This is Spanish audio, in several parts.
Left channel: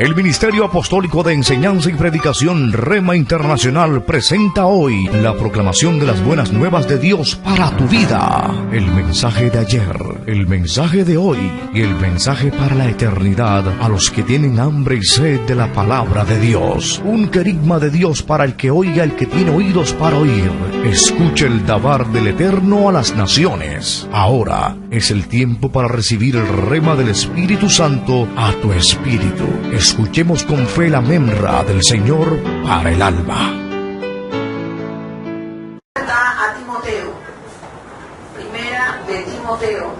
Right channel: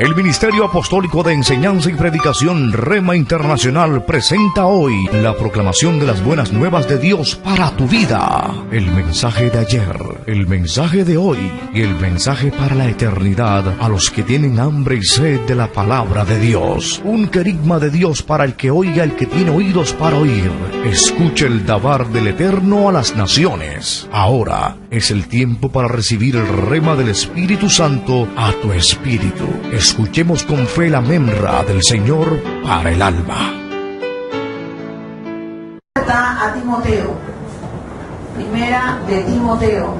El Ministerio Apostólico de Enseñanza y Predicación Rema Internacional presenta hoy la proclamación de las buenas nuevas de Dios para tu vida. El mensaje de ayer, el mensaje de hoy y el mensaje para la eternidad a los que tienen hambre y sed de la palabra de Dios. Un querigma de Dios para el que oiga, el que tiene oídos para oír. Escuche el dabar del Eterno a las naciones. Ahora es el tiempo para recibir el rema del Espíritu Santo a tu espíritu. Escuchemos con fe la memra del Señor para el alma. A Timoteo, primera de Timoteo,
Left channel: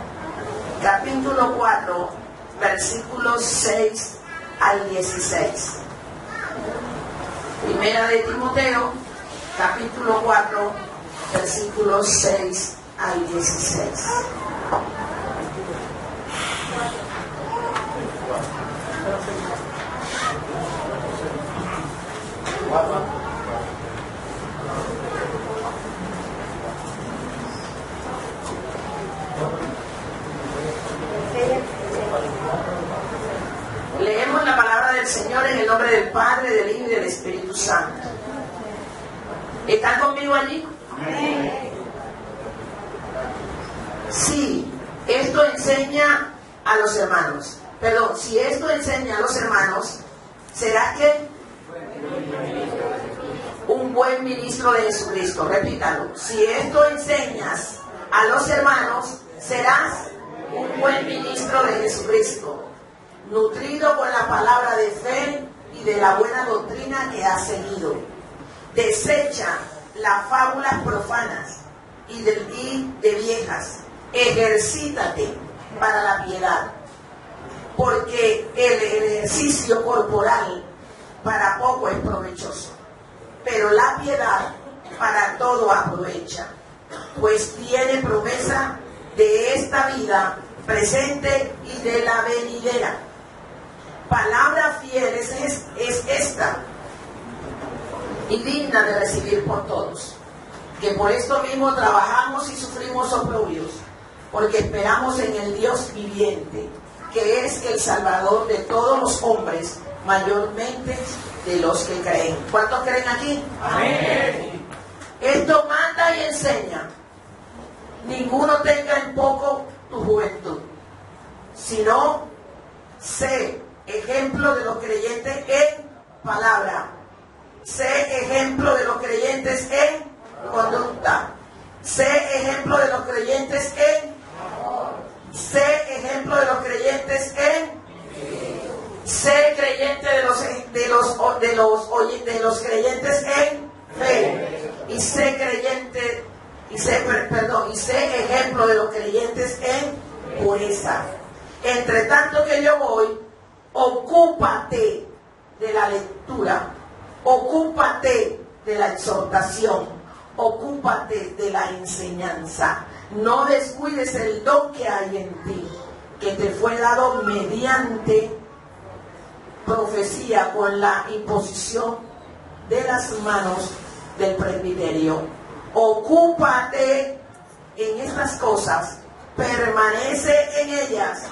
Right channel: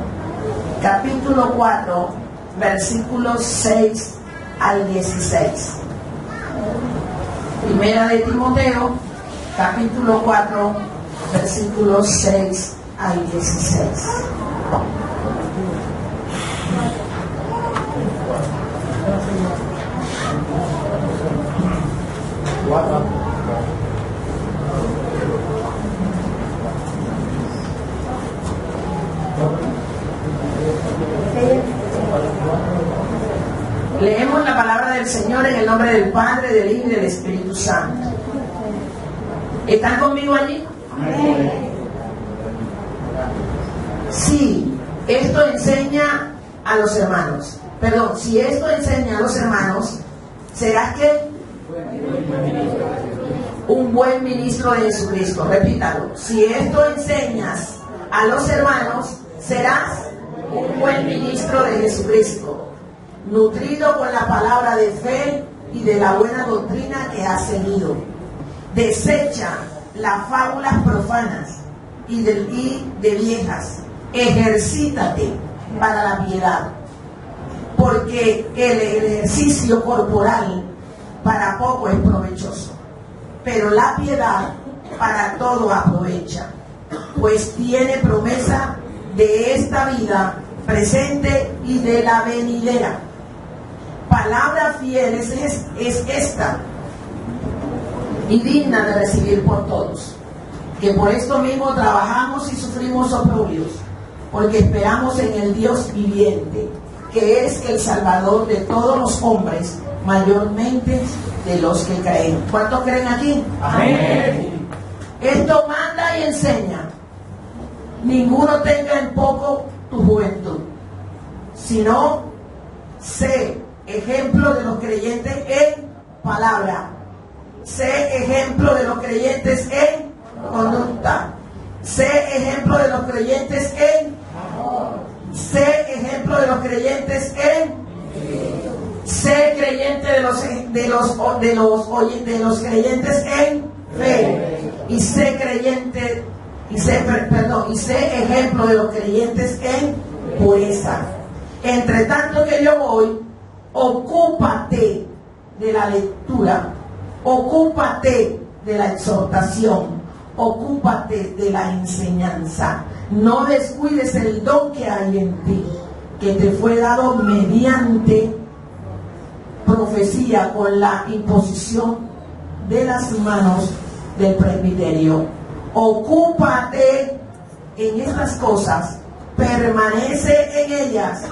capítulo 4, versículos 6 al 16. Primera de Timoteo, capítulo 4, versículos 6 al 16. Leemos la palabra del Señor en el nombre del Padre, del Hijo y del Espíritu Santo. ¿Están conmigo allí? Amén. Sí, esto enseña a los hermanos. Perdón, si esto enseña a los hermanos, ¿serás qué? Un buen ministro de Jesucristo. Repítalo. Si esto enseñas a los hermanos, serás un buen ministro de Jesucristo, nutrido con la palabra de fe y de la buena doctrina que has seguido. Desecha las fábulas profanas y de viejas. Ejercítate para la piedad, porque el ejercicio corporal para poco es provechoso, pero la piedad para todo aprovecha, pues tiene promesa de esta vida presente y de la venidera. Palabra fiel es esta, y digna de recibir por todos, que por esto mismo trabajamos y sufrimos oprobios, porque esperamos en el Dios viviente, que es el Salvador de todos los hombres, mayormente de los que creen. ¿Cuántos creen aquí? Amén. Esto manda y enseña. Ninguno tenga en poco tu juventud, sino sé ejemplo de los creyentes en palabra, sé ejemplo de los creyentes en conducta, sé ejemplo de los creyentes en amor, sé ejemplo de los creyentes en sé creyente de los creyentes en fe, y sé creyente y sé ejemplo de los creyentes en pureza. Entre tanto que yo voy, ocúpate de la lectura, ocúpate de la exhortación, ocúpate de la enseñanza. No descuides el don que hay en ti, que te fue dado mediante profecía con la imposición de las manos del presbiterio. Ocúpate en estas cosas, permanece en ellas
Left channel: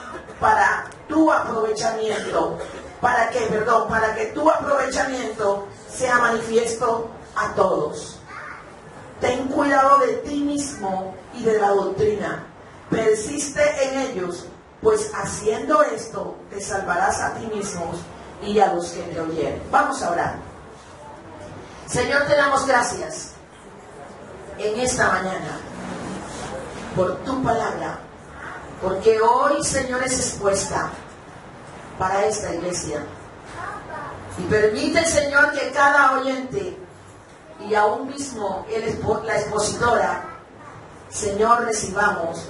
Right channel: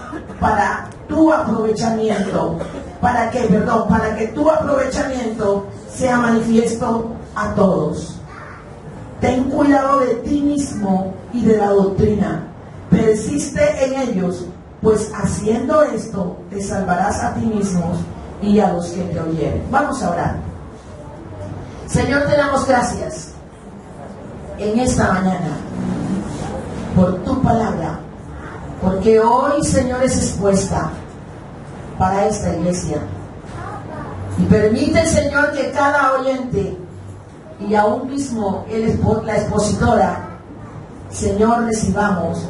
para tu aprovechamiento, para que tu aprovechamiento sea manifiesto a todos. Ten cuidado de ti mismo y de la doctrina, persiste en ellos, pues haciendo esto te salvarás a ti mismo y a los que te oyeren. Vamos a orar. Señor, te damos gracias en esta mañana por tu palabra, porque hoy, Señor, es expuesta para esta iglesia. Y permite, Señor, que cada oyente y aún mismo la expositora, Señor, recibamos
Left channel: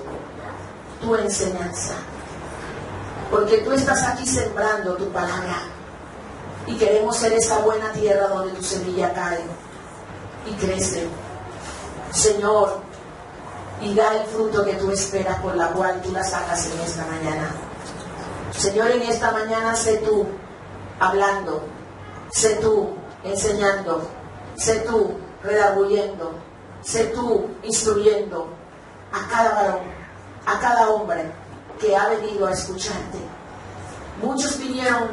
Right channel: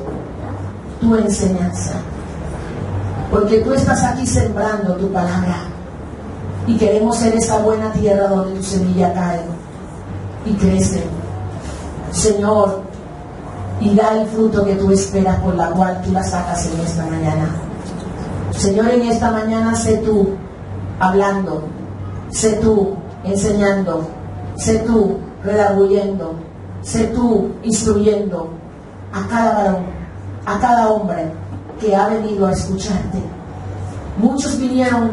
tu enseñanza, porque tú estás aquí sembrando tu palabra y queremos ser esa buena tierra donde tu semilla cae y crece, Señor, y da el fruto que tú esperas, por la cual tú la sacas en esta mañana. Señor, en esta mañana sé tú hablando, sé tú enseñando, sé tú redarguyendo, sé tú instruyendo a cada varón, a cada hombre que ha venido a escucharte. Muchos vinieron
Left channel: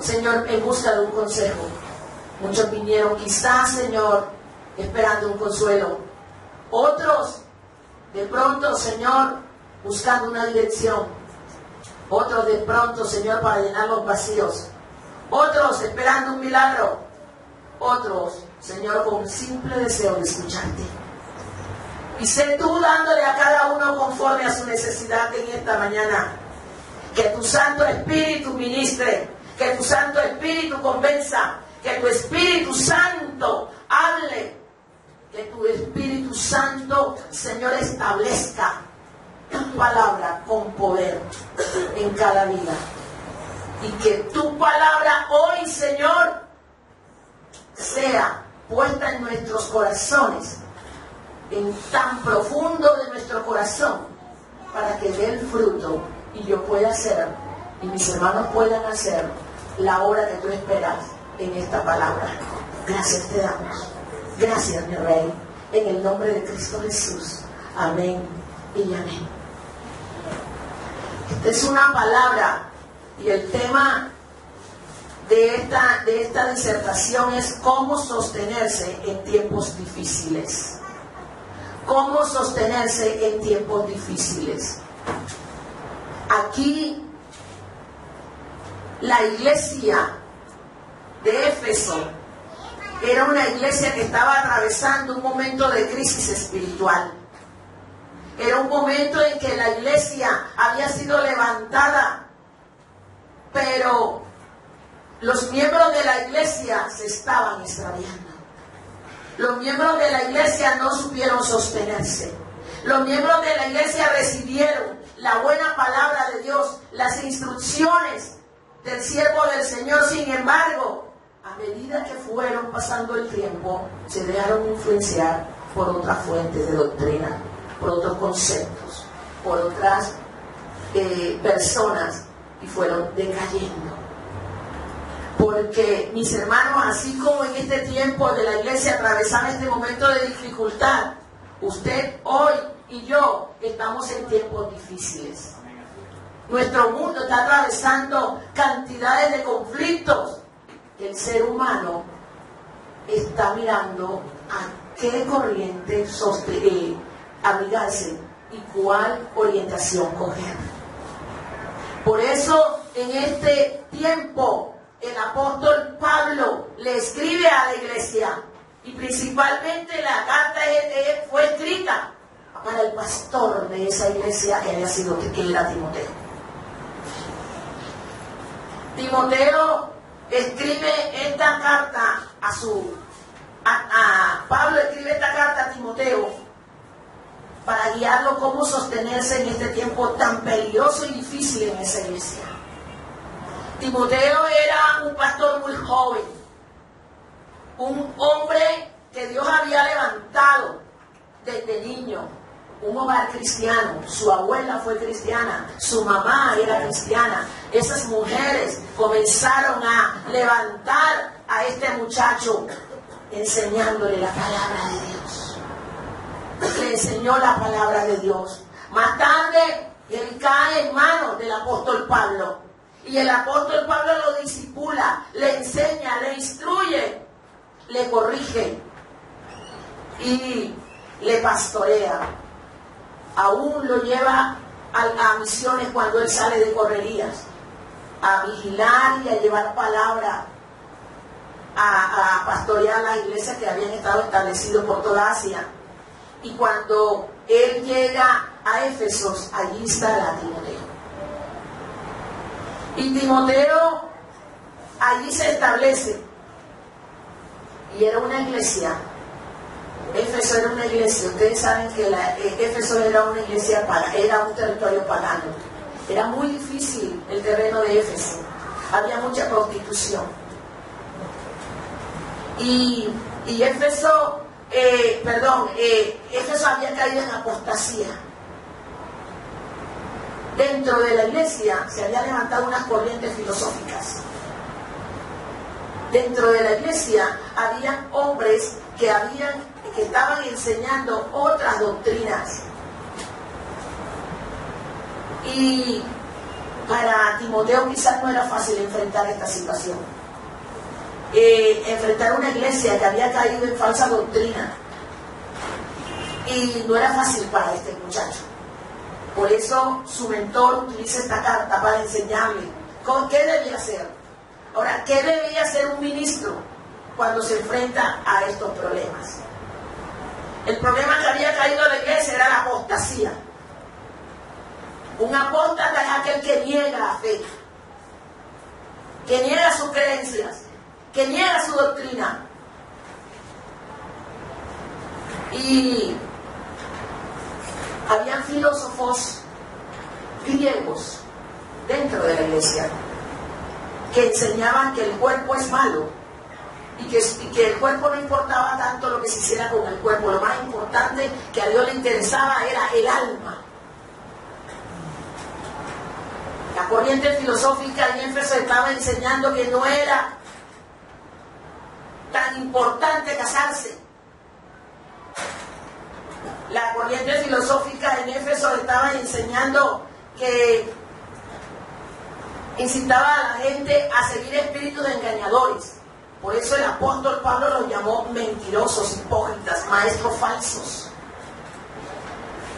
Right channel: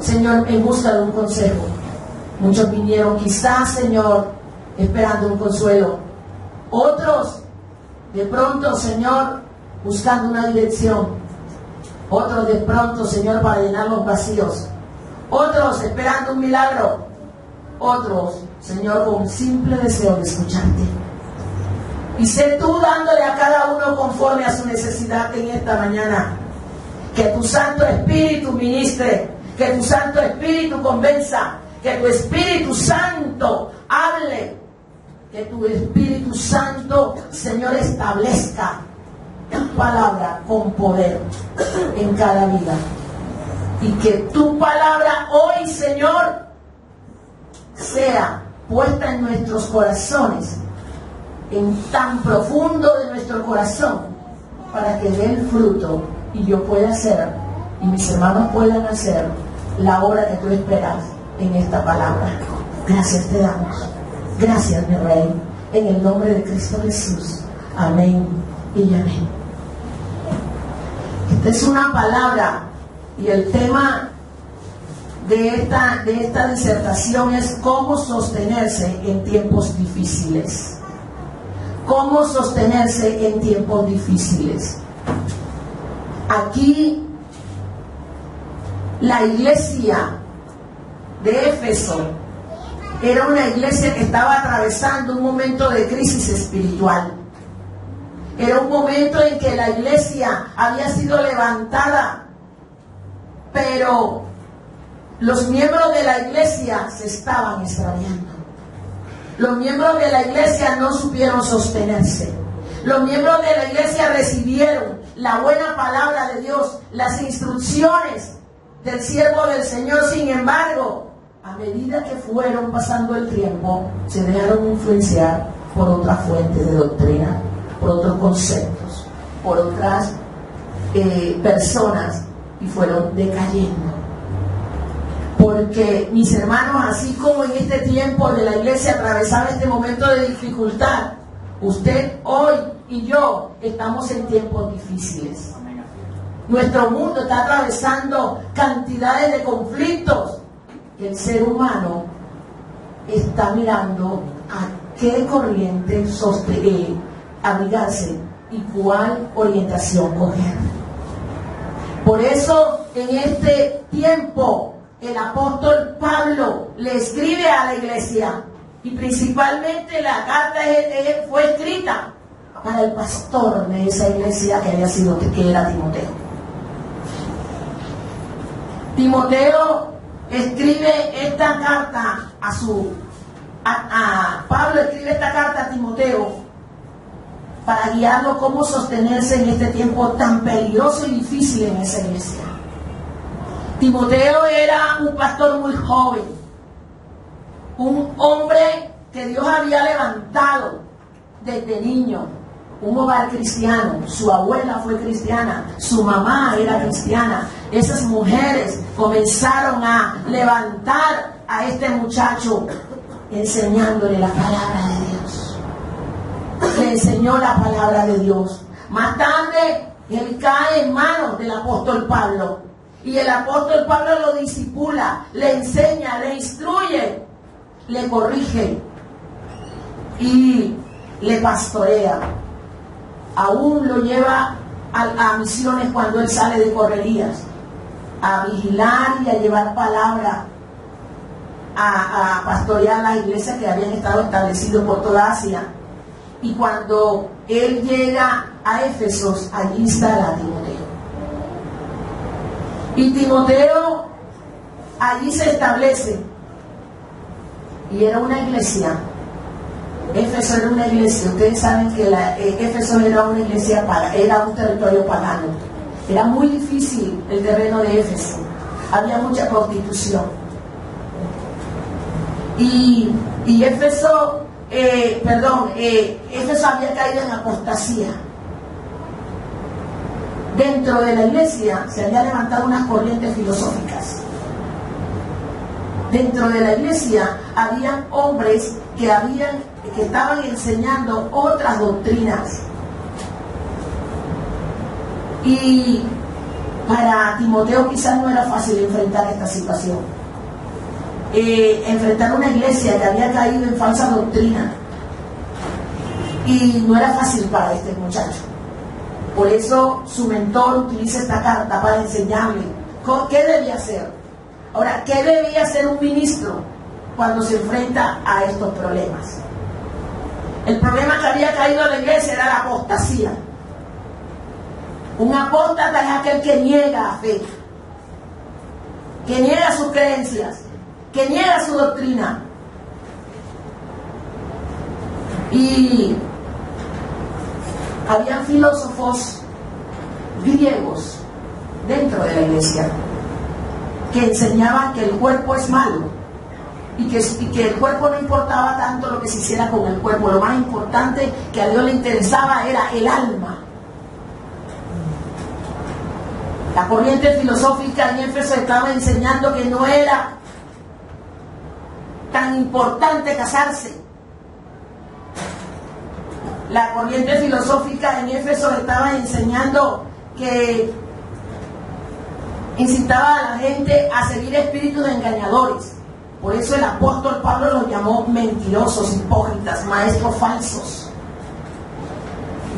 Señor, en busca de un consejo. Muchos vinieron quizás, Señor, esperando un consuelo. Otros, de pronto, Señor, buscando una dirección. Otros, de pronto, Señor, para llenar los vacíos. Otros, esperando un milagro. Otros, Señor, con simple deseo de escucharte. Y sé tú dándole a cada uno conforme a su necesidad en esta mañana. Que tu Santo Espíritu ministre, que tu Santo Espíritu convenza, que tu Espíritu Santo hable, que tu Espíritu Santo, Señor, establezca tu palabra con poder en cada vida. Y que tu palabra hoy, Señor, sea puesta en nuestros corazones, en tan profundo de nuestro corazón, para que dé el fruto y yo pueda hacer, y mis hermanos puedan hacer la obra que tú esperas en esta palabra. Gracias te damos. Gracias, mi Rey, en el nombre de Cristo Jesús. Amén y amén. Esta es una palabra, y el tema de esta disertación es cómo sostenerse en tiempos difíciles. Cómo sostenerse en tiempos difíciles. Aquí, la iglesia de Éfeso era una iglesia que estaba atravesando un momento de crisis espiritual. Era un momento en que la iglesia había sido levantada, pero los miembros de la iglesia se estaban extraviando. Los miembros de la iglesia no supieron sostenerse. Los miembros de la iglesia recibieron la buena palabra de Dios, las instrucciones del siervo del Señor. Sin embargo, a medida que fueron pasando el tiempo, se dejaron influenciar por otras fuentes de doctrina, por otros conceptos, por otras personas, y fueron decayendo. Porque, mis hermanos, así como en este tiempo de la iglesia atravesaba este momento de dificultad, usted hoy y yo estamos en tiempos difíciles. Nuestro mundo está atravesando cantidades de conflictos. El ser humano está mirando a qué corriente abrigarse y cuál orientación coger. Por eso, en este tiempo, el apóstol Pablo le escribe a la iglesia, y principalmente la carta fue escrita para el pastor de esa iglesia que era Timoteo. Timoteo escribe esta carta Pablo escribe esta carta a Timoteo para guiarlo cómo sostenerse en este tiempo tan peligroso y difícil en esa iglesia. Timoteo era un pastor muy joven, un hombre que Dios había levantado desde niño, un hogar cristiano. Su abuela fue cristiana, su mamá era cristiana. Esas mujeres comenzaron a levantar a este muchacho, enseñándole la palabra de Dios. Le enseñó la palabra de Dios. Más tarde, él cae en manos del apóstol Pablo. Y el apóstol Pablo lo discipula, le enseña, le instruye, le corrige y le pastorea. Aún lo lleva a misiones cuando él sale de correrías, a vigilar y a llevar palabra, a pastorear las iglesias que habían estado establecidas por toda Asia. Y cuando él llega a Éfeso, allí instala a Timoteo. Y Timoteo allí se establece. Y era una iglesia. Éfeso era una iglesia. Ustedes saben que Éfeso era una iglesia, era un territorio pagano. Era muy difícil el terreno de Éfeso. Había mucha prostitución. Y Éfeso, Éfeso había caído en apostasía. Dentro de la iglesia se habían levantado unas corrientes filosóficas. Dentro de la iglesia habían hombres que estaban enseñando otras doctrinas. Y Para Timoteo quizás no era fácil enfrentar esta situación. Enfrentar una iglesia que había caído en falsa doctrina. Y no era fácil para este muchacho. Por eso su mentor utiliza esta carta para enseñarle qué debía hacer. Ahora, ¿qué debía hacer un ministro cuando se enfrenta a estos problemas? El problema que había caído a la iglesia era la apostasía. Un apóstata es aquel que niega fe, que niega sus creencias, que niega su doctrina. Y había filósofos griegos dentro de la iglesia que enseñaban que el cuerpo es malo y que el cuerpo no importaba tanto lo que se hiciera con el cuerpo. Lo más importante que a Dios le interesaba era el alma. La corriente filosófica en Éfeso estaba enseñando que no era tan importante casarse. La corriente filosófica en Éfeso estaba enseñando que incitaba a la gente a seguir espíritus engañadores. Por eso el apóstol Pablo los llamó mentirosos, hipócritas, maestros falsos.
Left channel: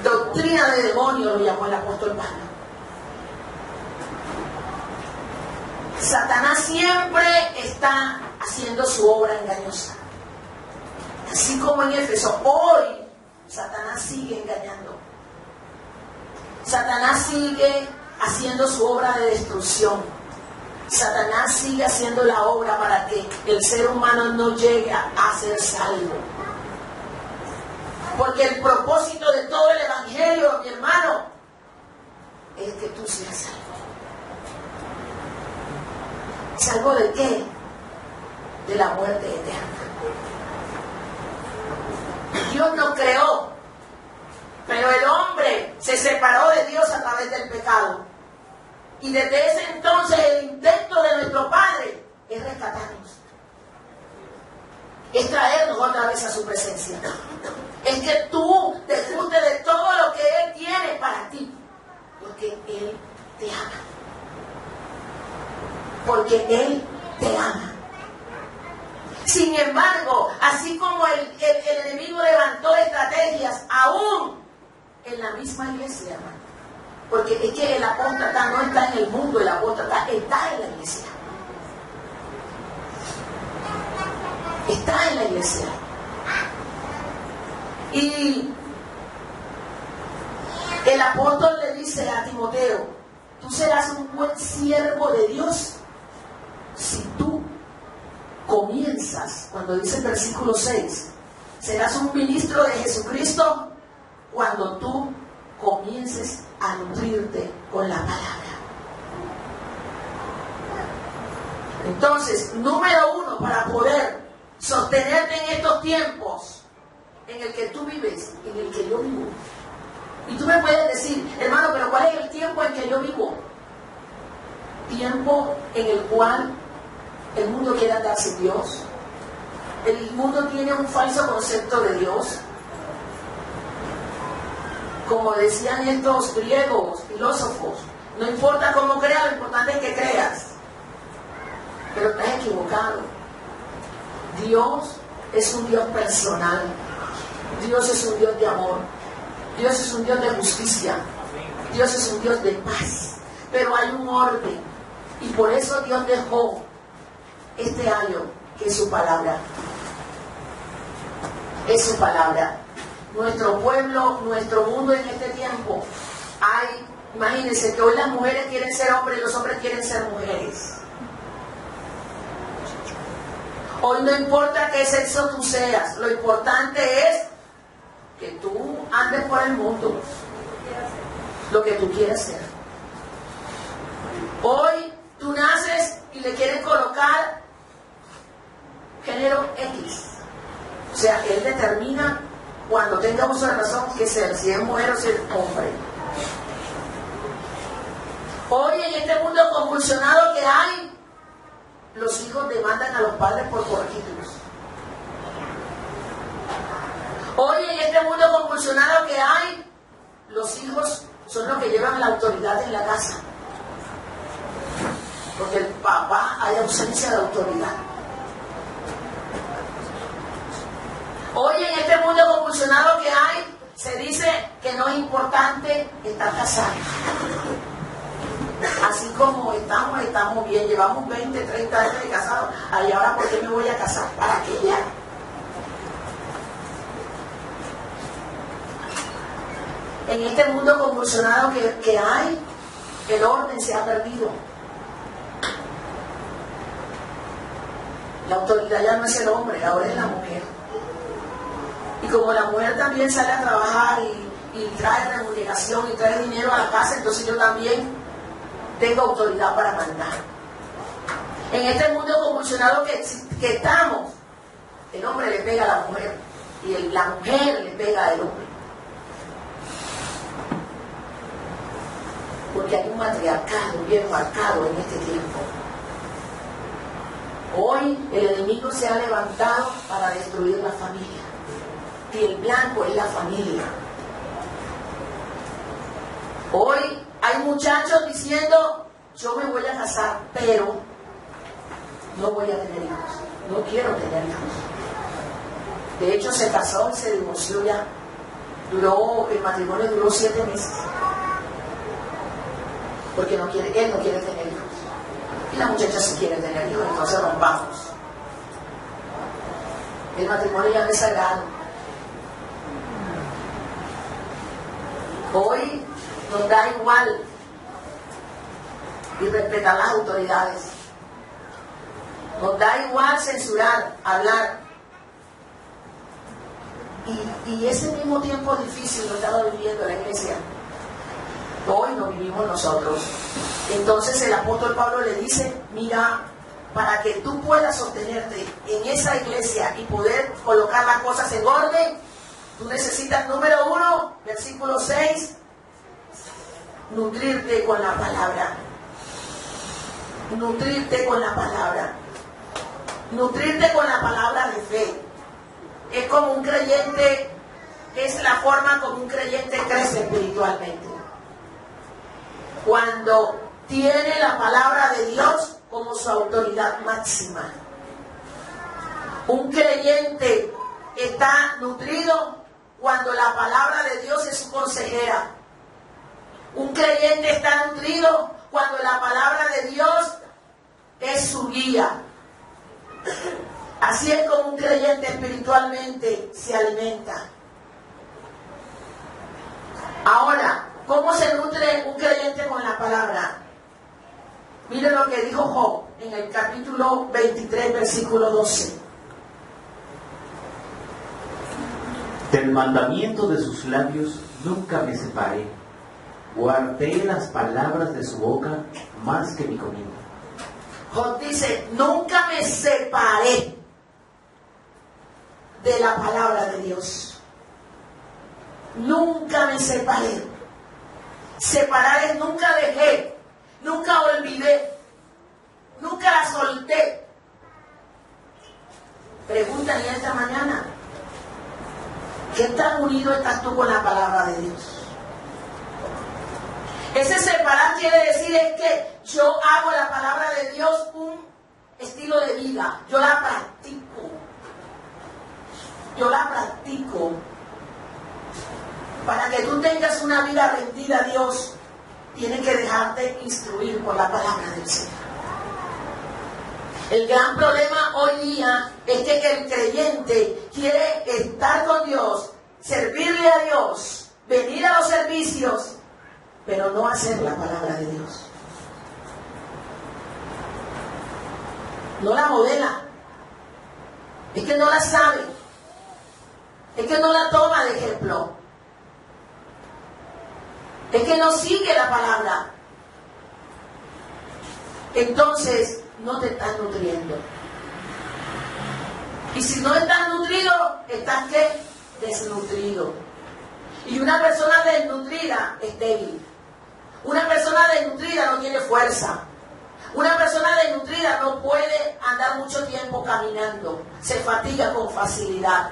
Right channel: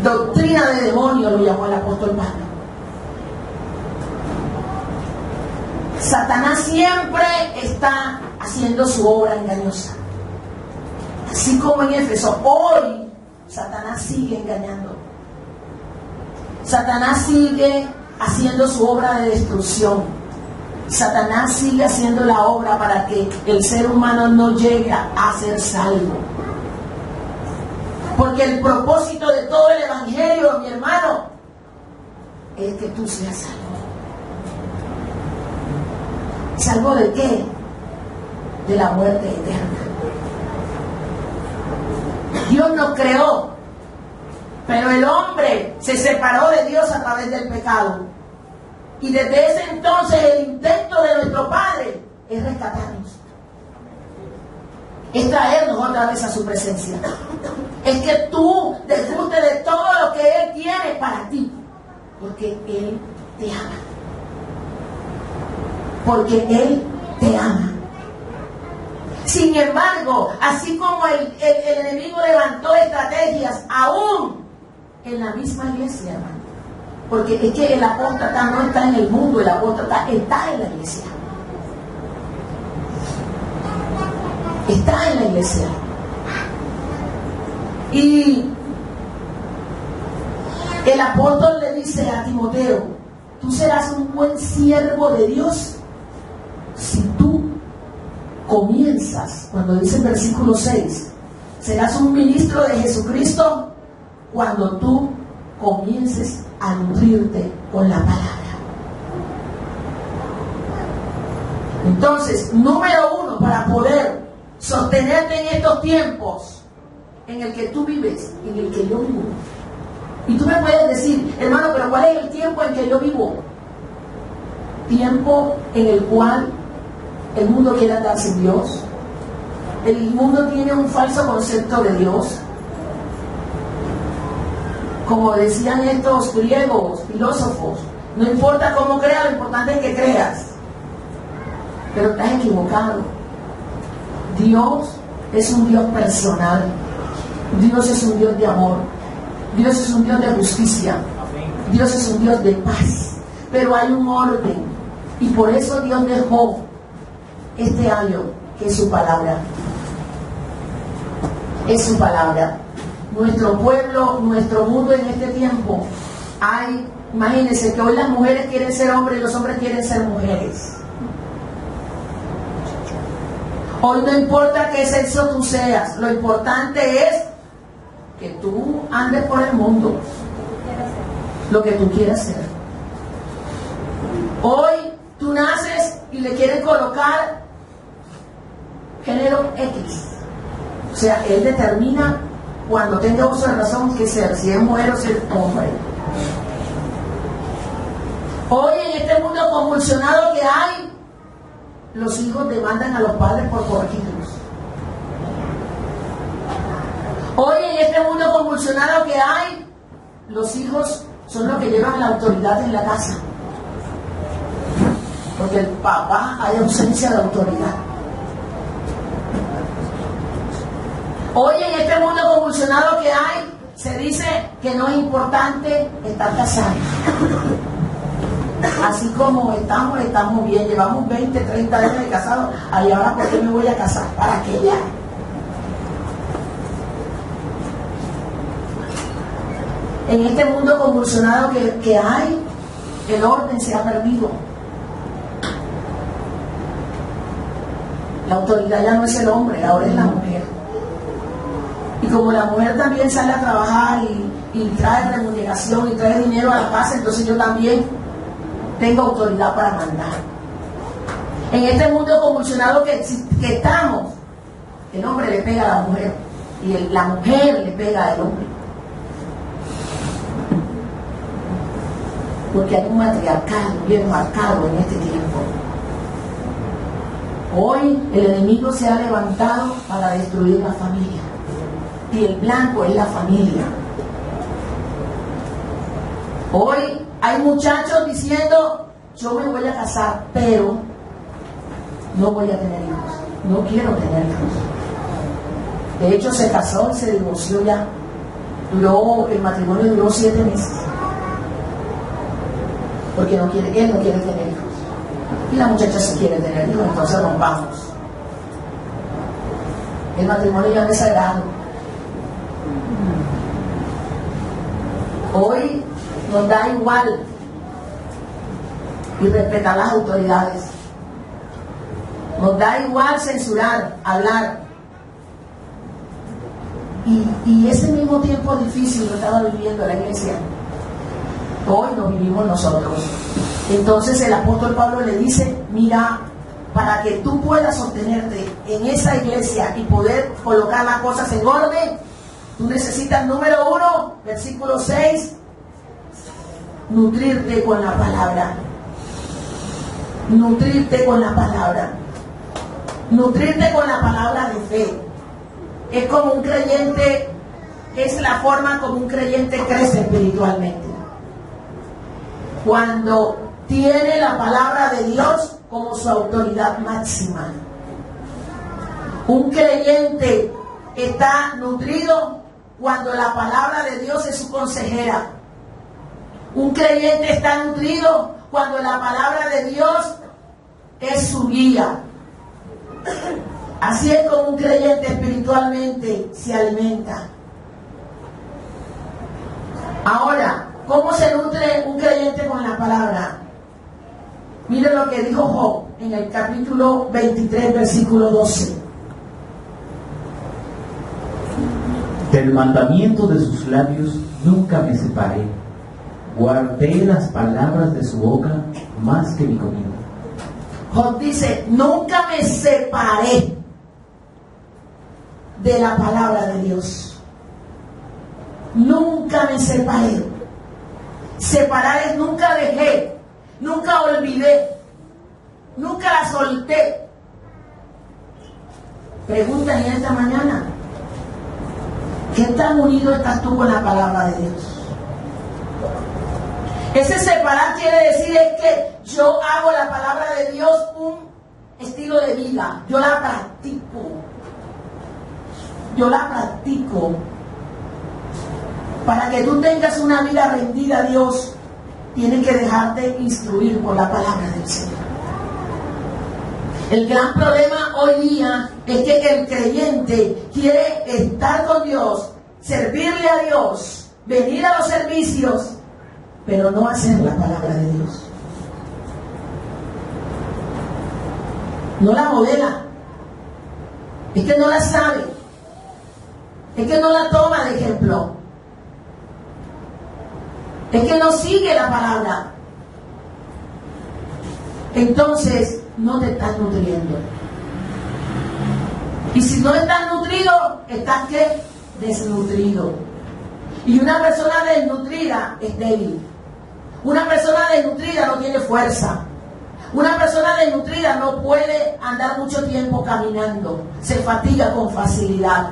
Doctrina de demonio lo llamó el apóstol Pablo. Satanás siempre está haciendo su obra engañosa. Así como en Éfeso, hoy Satanás sigue engañando. Satanás sigue haciendo su obra de destrucción. Satanás sigue haciendo la obra para que el ser humano no llegue a ser salvo. Porque el propósito de todo el evangelio, mi hermano, es que tú seas salvo. ¿Salvo de qué? De la muerte eterna. Dios nos creó, pero el hombre se separó de Dios a través del pecado. Y desde ese entonces el intento de nuestro Padre es rescatarnos. Es traernos otra vez a su presencia. Es que tú disfrutes de todo lo que Él tiene para ti. Porque Él te ama. Porque Él te ama. Sin embargo, así como el enemigo levantó estrategias aún en la misma iglesia, hermano. Porque es que el apóstata no está en el mundo, el apóstata está en la iglesia. Está en la iglesia. Y el apóstol le dice a Timoteo, tú serás un buen siervo de Dios si tú comienzas, cuando dice el versículo 6, serás un ministro de Jesucristo cuando tú comiences a nutrirte con la palabra. Entonces, número uno, para poder sostenerte en estos tiempos en el que tú vives, en el que yo vivo. Y tú me puedes decir, hermano, pero ¿cuál es el tiempo en que yo vivo? Tiempo en el cual el mundo quiere andar sin Dios. El mundo tiene un falso concepto de Dios. Como decían estos griegos, filósofos, no importa cómo creas, lo importante es que creas. Pero estás equivocado. Dios es un Dios personal. Dios es un Dios de amor. Dios es un Dios de justicia. Dios es un Dios de paz. Pero hay un orden. Y por eso Dios dejó este año, que es su palabra. Es su palabra. Nuestro pueblo, nuestro mundo en este tiempo, imagínense que hoy las mujeres quieren ser hombres y los hombres quieren ser mujeres. Hoy no importa qué sexo tú seas, lo importante es que tú andes por el mundo, lo que tú quieras ser. Hoy tú naces y le quieren colocar género X. O sea, él determina cuando tenga uso de razón que ser, si es mujer o si es hombre. Hoy en este mundo convulsionado que hay, los hijos demandan a los padres por corregirlos. Hoy en este mundo convulsionado que hay, los hijos son los que llevan la autoridad en la casa. Porque el papá hay ausencia de autoridad. Hoy en este mundo convulsionado que hay, se dice que no es importante estar casado. Así como estamos bien, llevamos 20, 30 años de casados, y ahora ¿por qué me voy a casar? ¿Para qué ya? En este mundo convulsionado que hay, el orden se ha perdido. La autoridad ya no es el hombre, ahora es la mujer. Y como la mujer también sale a trabajar y trae remuneración y trae dinero a la casa, entonces yo también tengo autoridad para mandar. En este mundo convulsionado que estamos, el hombre le pega a la mujer y la mujer le pega al hombre. Porque hay un matriarcado bien marcado en este tiempo. Hoy el enemigo se ha levantado para destruir la familia. Y el blanco es la familia. Hoy hay muchachos diciendo, yo me voy a casar, pero no voy a tener hijos. No quiero tener hijos. De hecho, se casó y se divorció ya. El matrimonio duró 7 meses. Porque él no quiere tener hijos. Y la muchacha sí quiere tener hijos, entonces rompamos. El matrimonio ya no es sagrado. Hoy nos da igual y respetar las autoridades. Nos da igual censurar, hablar. Y ese mismo tiempo difícil lo estaba viviendo la iglesia. Hoy lo vivimos nosotros. Entonces el apóstol Pablo le dice, mira, para que tú puedas sostenerte en esa iglesia y poder colocar las cosas en orden, tú necesitas, número 1, versículo 6, nutrirte con la palabra. Nutrirte con la palabra. Nutrirte con la palabra de fe. Es como un creyente, es la forma como un creyente crece espiritualmente. Cuando tiene la palabra de Dios como su autoridad máxima. Un creyente está nutrido cuando la palabra de Dios es su consejera. Un creyente está nutrido cuando la palabra de Dios es su guía. Así es como un creyente espiritualmente se alimenta. Ahora, ¿cómo se nutre un creyente con la palabra? Mire lo que dijo Job en el capítulo 23, versículo 12. Del mandamiento de sus labios nunca me separé. Guardé las palabras de su boca más que mi comida. Job dice, nunca me separé de la palabra de Dios. Nunca me separé. Separar es nunca dejé, nunca olvidé, nunca la solté. Pregúntale esta mañana, ¿qué tan unido estás tú con la palabra de Dios? Ese separar quiere decir es que yo hago la palabra de Dios un estilo de vida, yo la practico. Para que tú tengas una vida rendida a Dios, tienes que dejarte instruir por la palabra del Señor. El gran problema hoy día es que el creyente quiere estar con Dios, servirle a Dios, venir a los servicios, pero no hacer la palabra de Dios. No la modela. Es que no la sabe. Es que no la toma de ejemplo. Es que no sigue la palabra. Entonces, no te estás nutriendo. Y si no estás nutrido, estás ¿qué? Desnutrido. Y una persona desnutrida es débil. Una persona desnutrida no tiene fuerza. Una persona desnutrida no puede andar mucho tiempo caminando. Se fatiga con facilidad.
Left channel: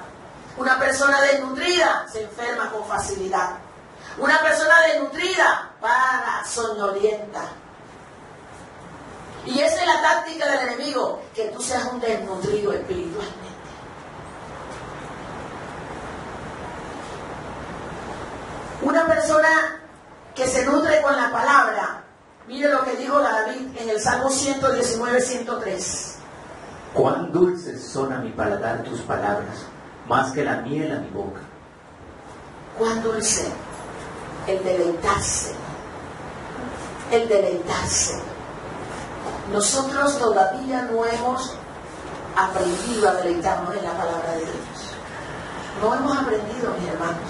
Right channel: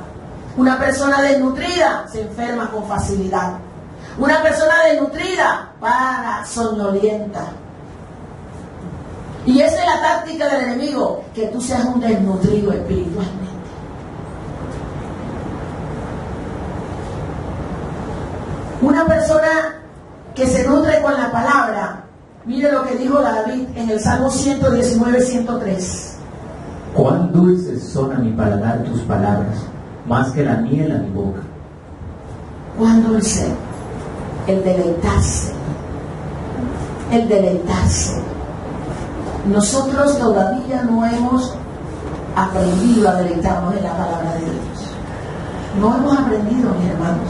Una persona desnutrida se enferma con facilidad. Una persona desnutrida para soñolienta. Y esa es la táctica del enemigo, que tú seas un desnutrido espiritualmente. Una persona que se nutre con la palabra, mire lo que dijo David en el Salmo 119, 103. Cuán dulces son a mi paladar tus palabras, más que la miel a mi boca. Cuán dulce el deleitarse. El deleitarse. Nosotros todavía no hemos aprendido a deleitarnos en la palabra de Dios. No hemos aprendido, mis hermanos.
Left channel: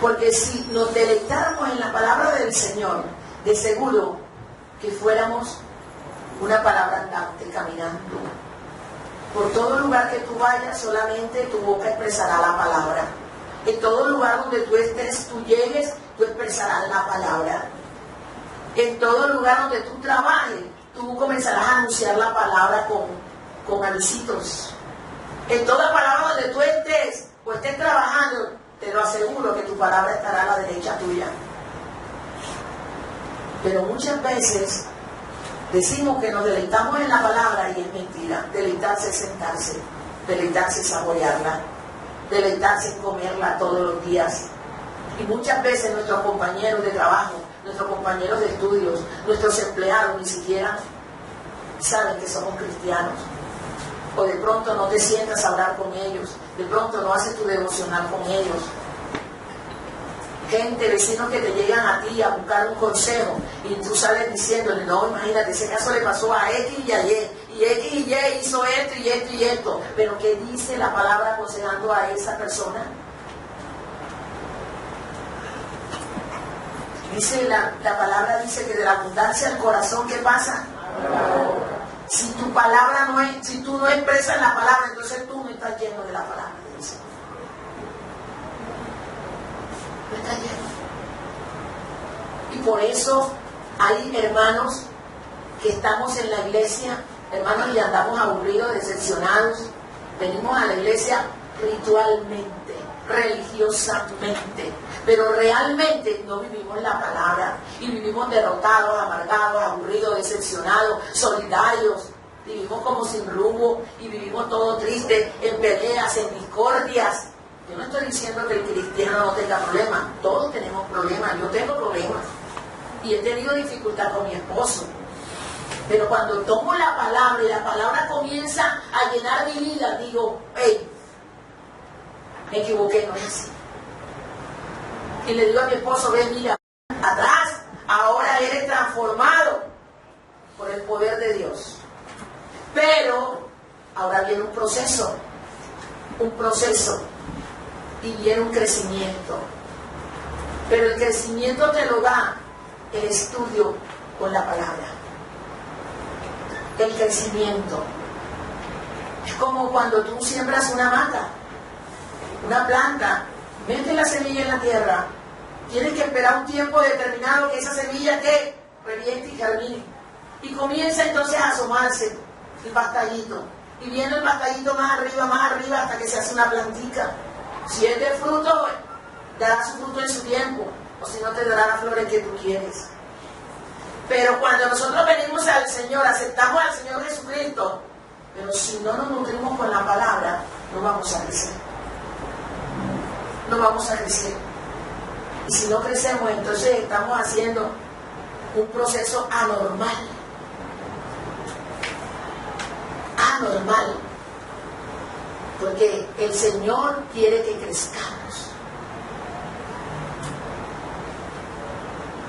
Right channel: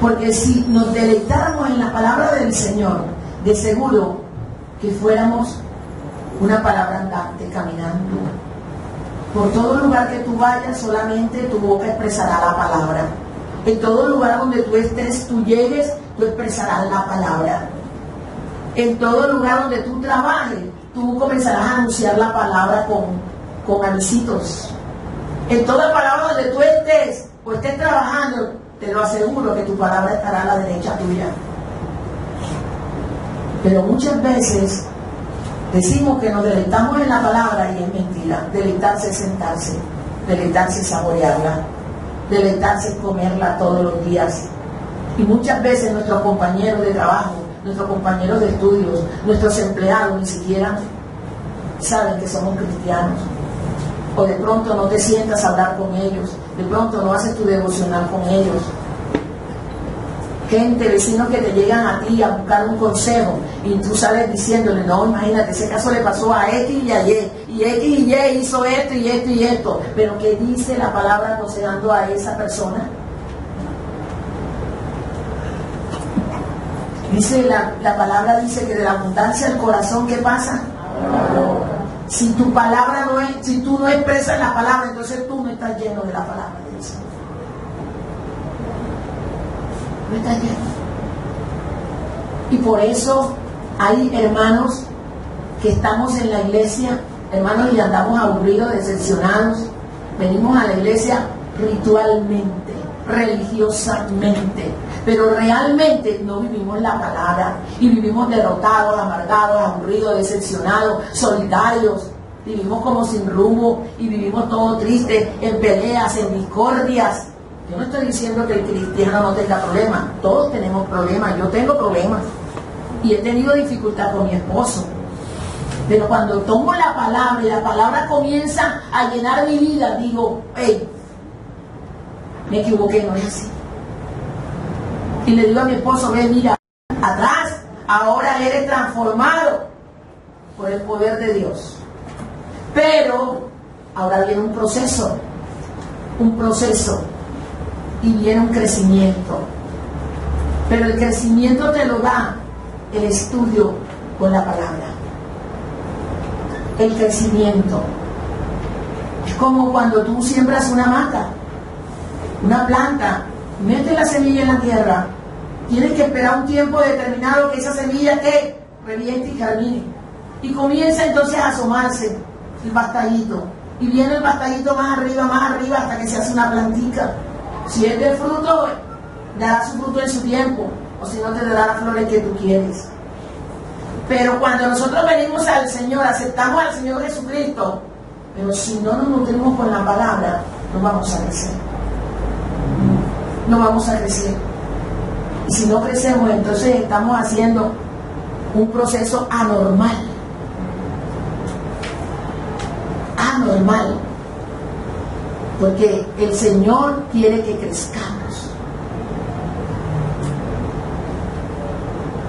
Porque si nos deleitáramos en la palabra del Señor, de seguro que fuéramos una palabra andante, caminando. Por todo lugar que tú vayas, solamente tu boca expresará la palabra. En todo lugar donde tú estés, tú llegues, tú expresarás la palabra. En todo lugar donde tú trabajes, tú comenzarás a anunciar la palabra con avisitos. En toda palabra donde tú estés o estés trabajando, te lo aseguro que tu palabra estará a la derecha tuya. Pero muchas veces decimos que nos deleitamos en la palabra y es mentira. Deleitarse es sentarse, deleitarse es saborearla, deleitarse es comerla todos los días. Y muchas veces nuestros compañeros de trabajo, nuestros compañeros de estudios, nuestros empleados ni siquiera saben que somos cristianos. O de pronto no te sientas a hablar con ellos, de pronto no haces tu devocional con ellos. Gente, vecinos que te llegan a ti a buscar un consejo y tú sales diciéndole, no, imagínate, ese caso le pasó a X y a Y, y X y Y hizo esto y esto y esto. Pero ¿qué dice la palabra aconsejando a esa persona? Dice la palabra dice que de la abundancia del corazón, ¿qué pasa? Si tu palabra no es, si tú no expresas la palabra, entonces tú no estás lleno de la palabra del Señor. No estás lleno. Y por eso hay hermanos que estamos en la iglesia, hermanos, y andamos aburridos, decepcionados. Venimos a la iglesia ritualmente, religiosamente, pero realmente no vivimos la palabra y vivimos derrotados, amargados, aburridos, decepcionados, solitarios. Vivimos como sin rumbo y vivimos todo triste, en peleas, en discordias. Yo no estoy diciendo que el cristiano no tenga problemas, todos tenemos problemas, yo tengo problemas y he tenido dificultad con mi esposo. Pero cuando tomo la palabra y la palabra comienza a llenar mi vida, digo, hey, me equivoqué, no es así. Y le digo a mi esposo, ve, mira, atrás, ahora eres transformado por el poder de Dios. Pero ahora viene un proceso, y viene un crecimiento. Pero el crecimiento te lo da el estudio con la palabra. El crecimiento. Es como cuando tú siembras una mata, una planta, metes la semilla en la tierra, tienes que esperar un tiempo determinado que esa semilla que reviente y germine. Y comienza entonces a asomarse el pastallito. Y viene el pastallito más arriba, hasta que se hace una plantica. Si es de fruto, dará su fruto en su tiempo, o si no te dará las flores que tú quieres. Pero cuando nosotros venimos al Señor, aceptamos al Señor Jesucristo, pero si no nos nutrimos con la palabra, no vamos a crecer. No vamos a crecer. Y si no crecemos, entonces estamos haciendo un proceso anormal. Anormal. Porque el Señor quiere que crezcamos.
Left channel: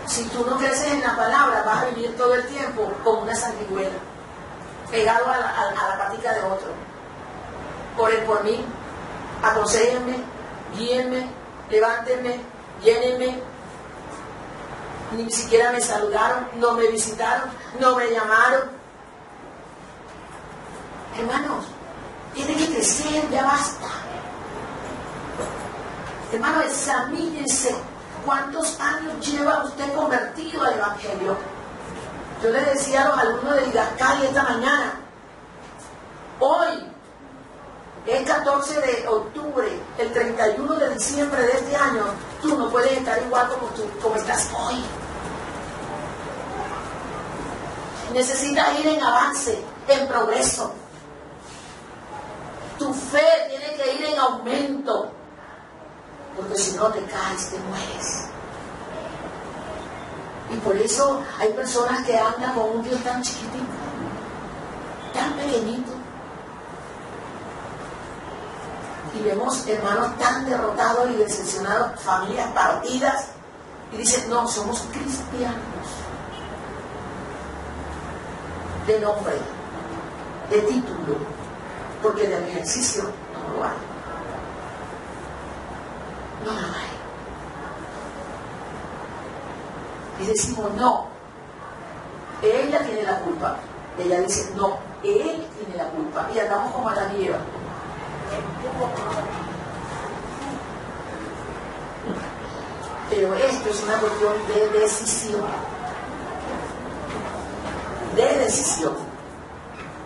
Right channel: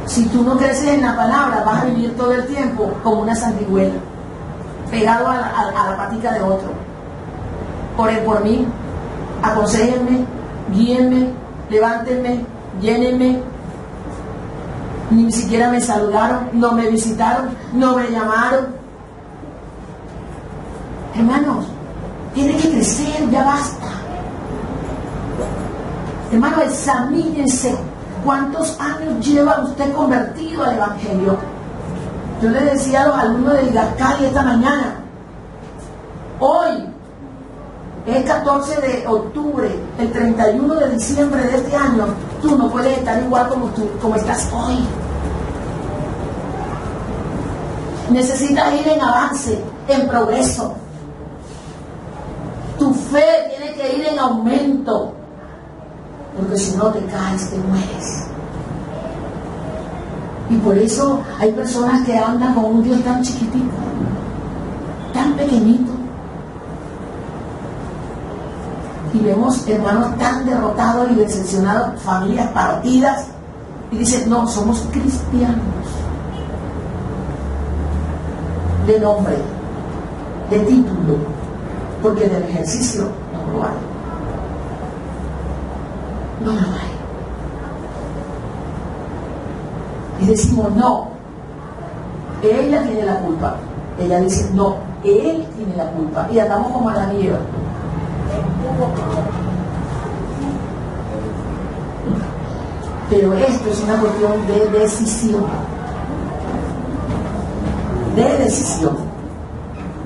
Si tú no creces en la palabra, vas a vivir todo el tiempo como una sanguijuela, pegado a la patica de otro. Oren por mí, aconséjenme, guíenme, levántenme, llénenme. Ni siquiera me saludaron, no me visitaron, no me llamaron. Hermanos, tiene que crecer, ya basta. Hermano, examínense. ¿Cuántos años lleva usted convertido al Evangelio? Yo le decía a los alumnos de Ligascal esta mañana, hoy es 14 de octubre, el 31 de diciembre de este año, tú no puedes estar igual como estás hoy. Necesitas ir en avance, en progreso. Tu fe tiene que ir en aumento, porque si no te caes, te mueres. Y por eso hay personas que andan con un Dios tan chiquitito, tan pequeñito. Y vemos hermanos tan derrotados y decepcionados, familias partidas, y dicen, no, somos cristianos. De nombre, de título, porque del ejercicio no lo hay. No lo hay. Y decimos, no, ella tiene la culpa. Ella dice, no, él tiene la culpa. Y andamos como a la nieve. Pero esto es una cuestión de decisión. De decisión.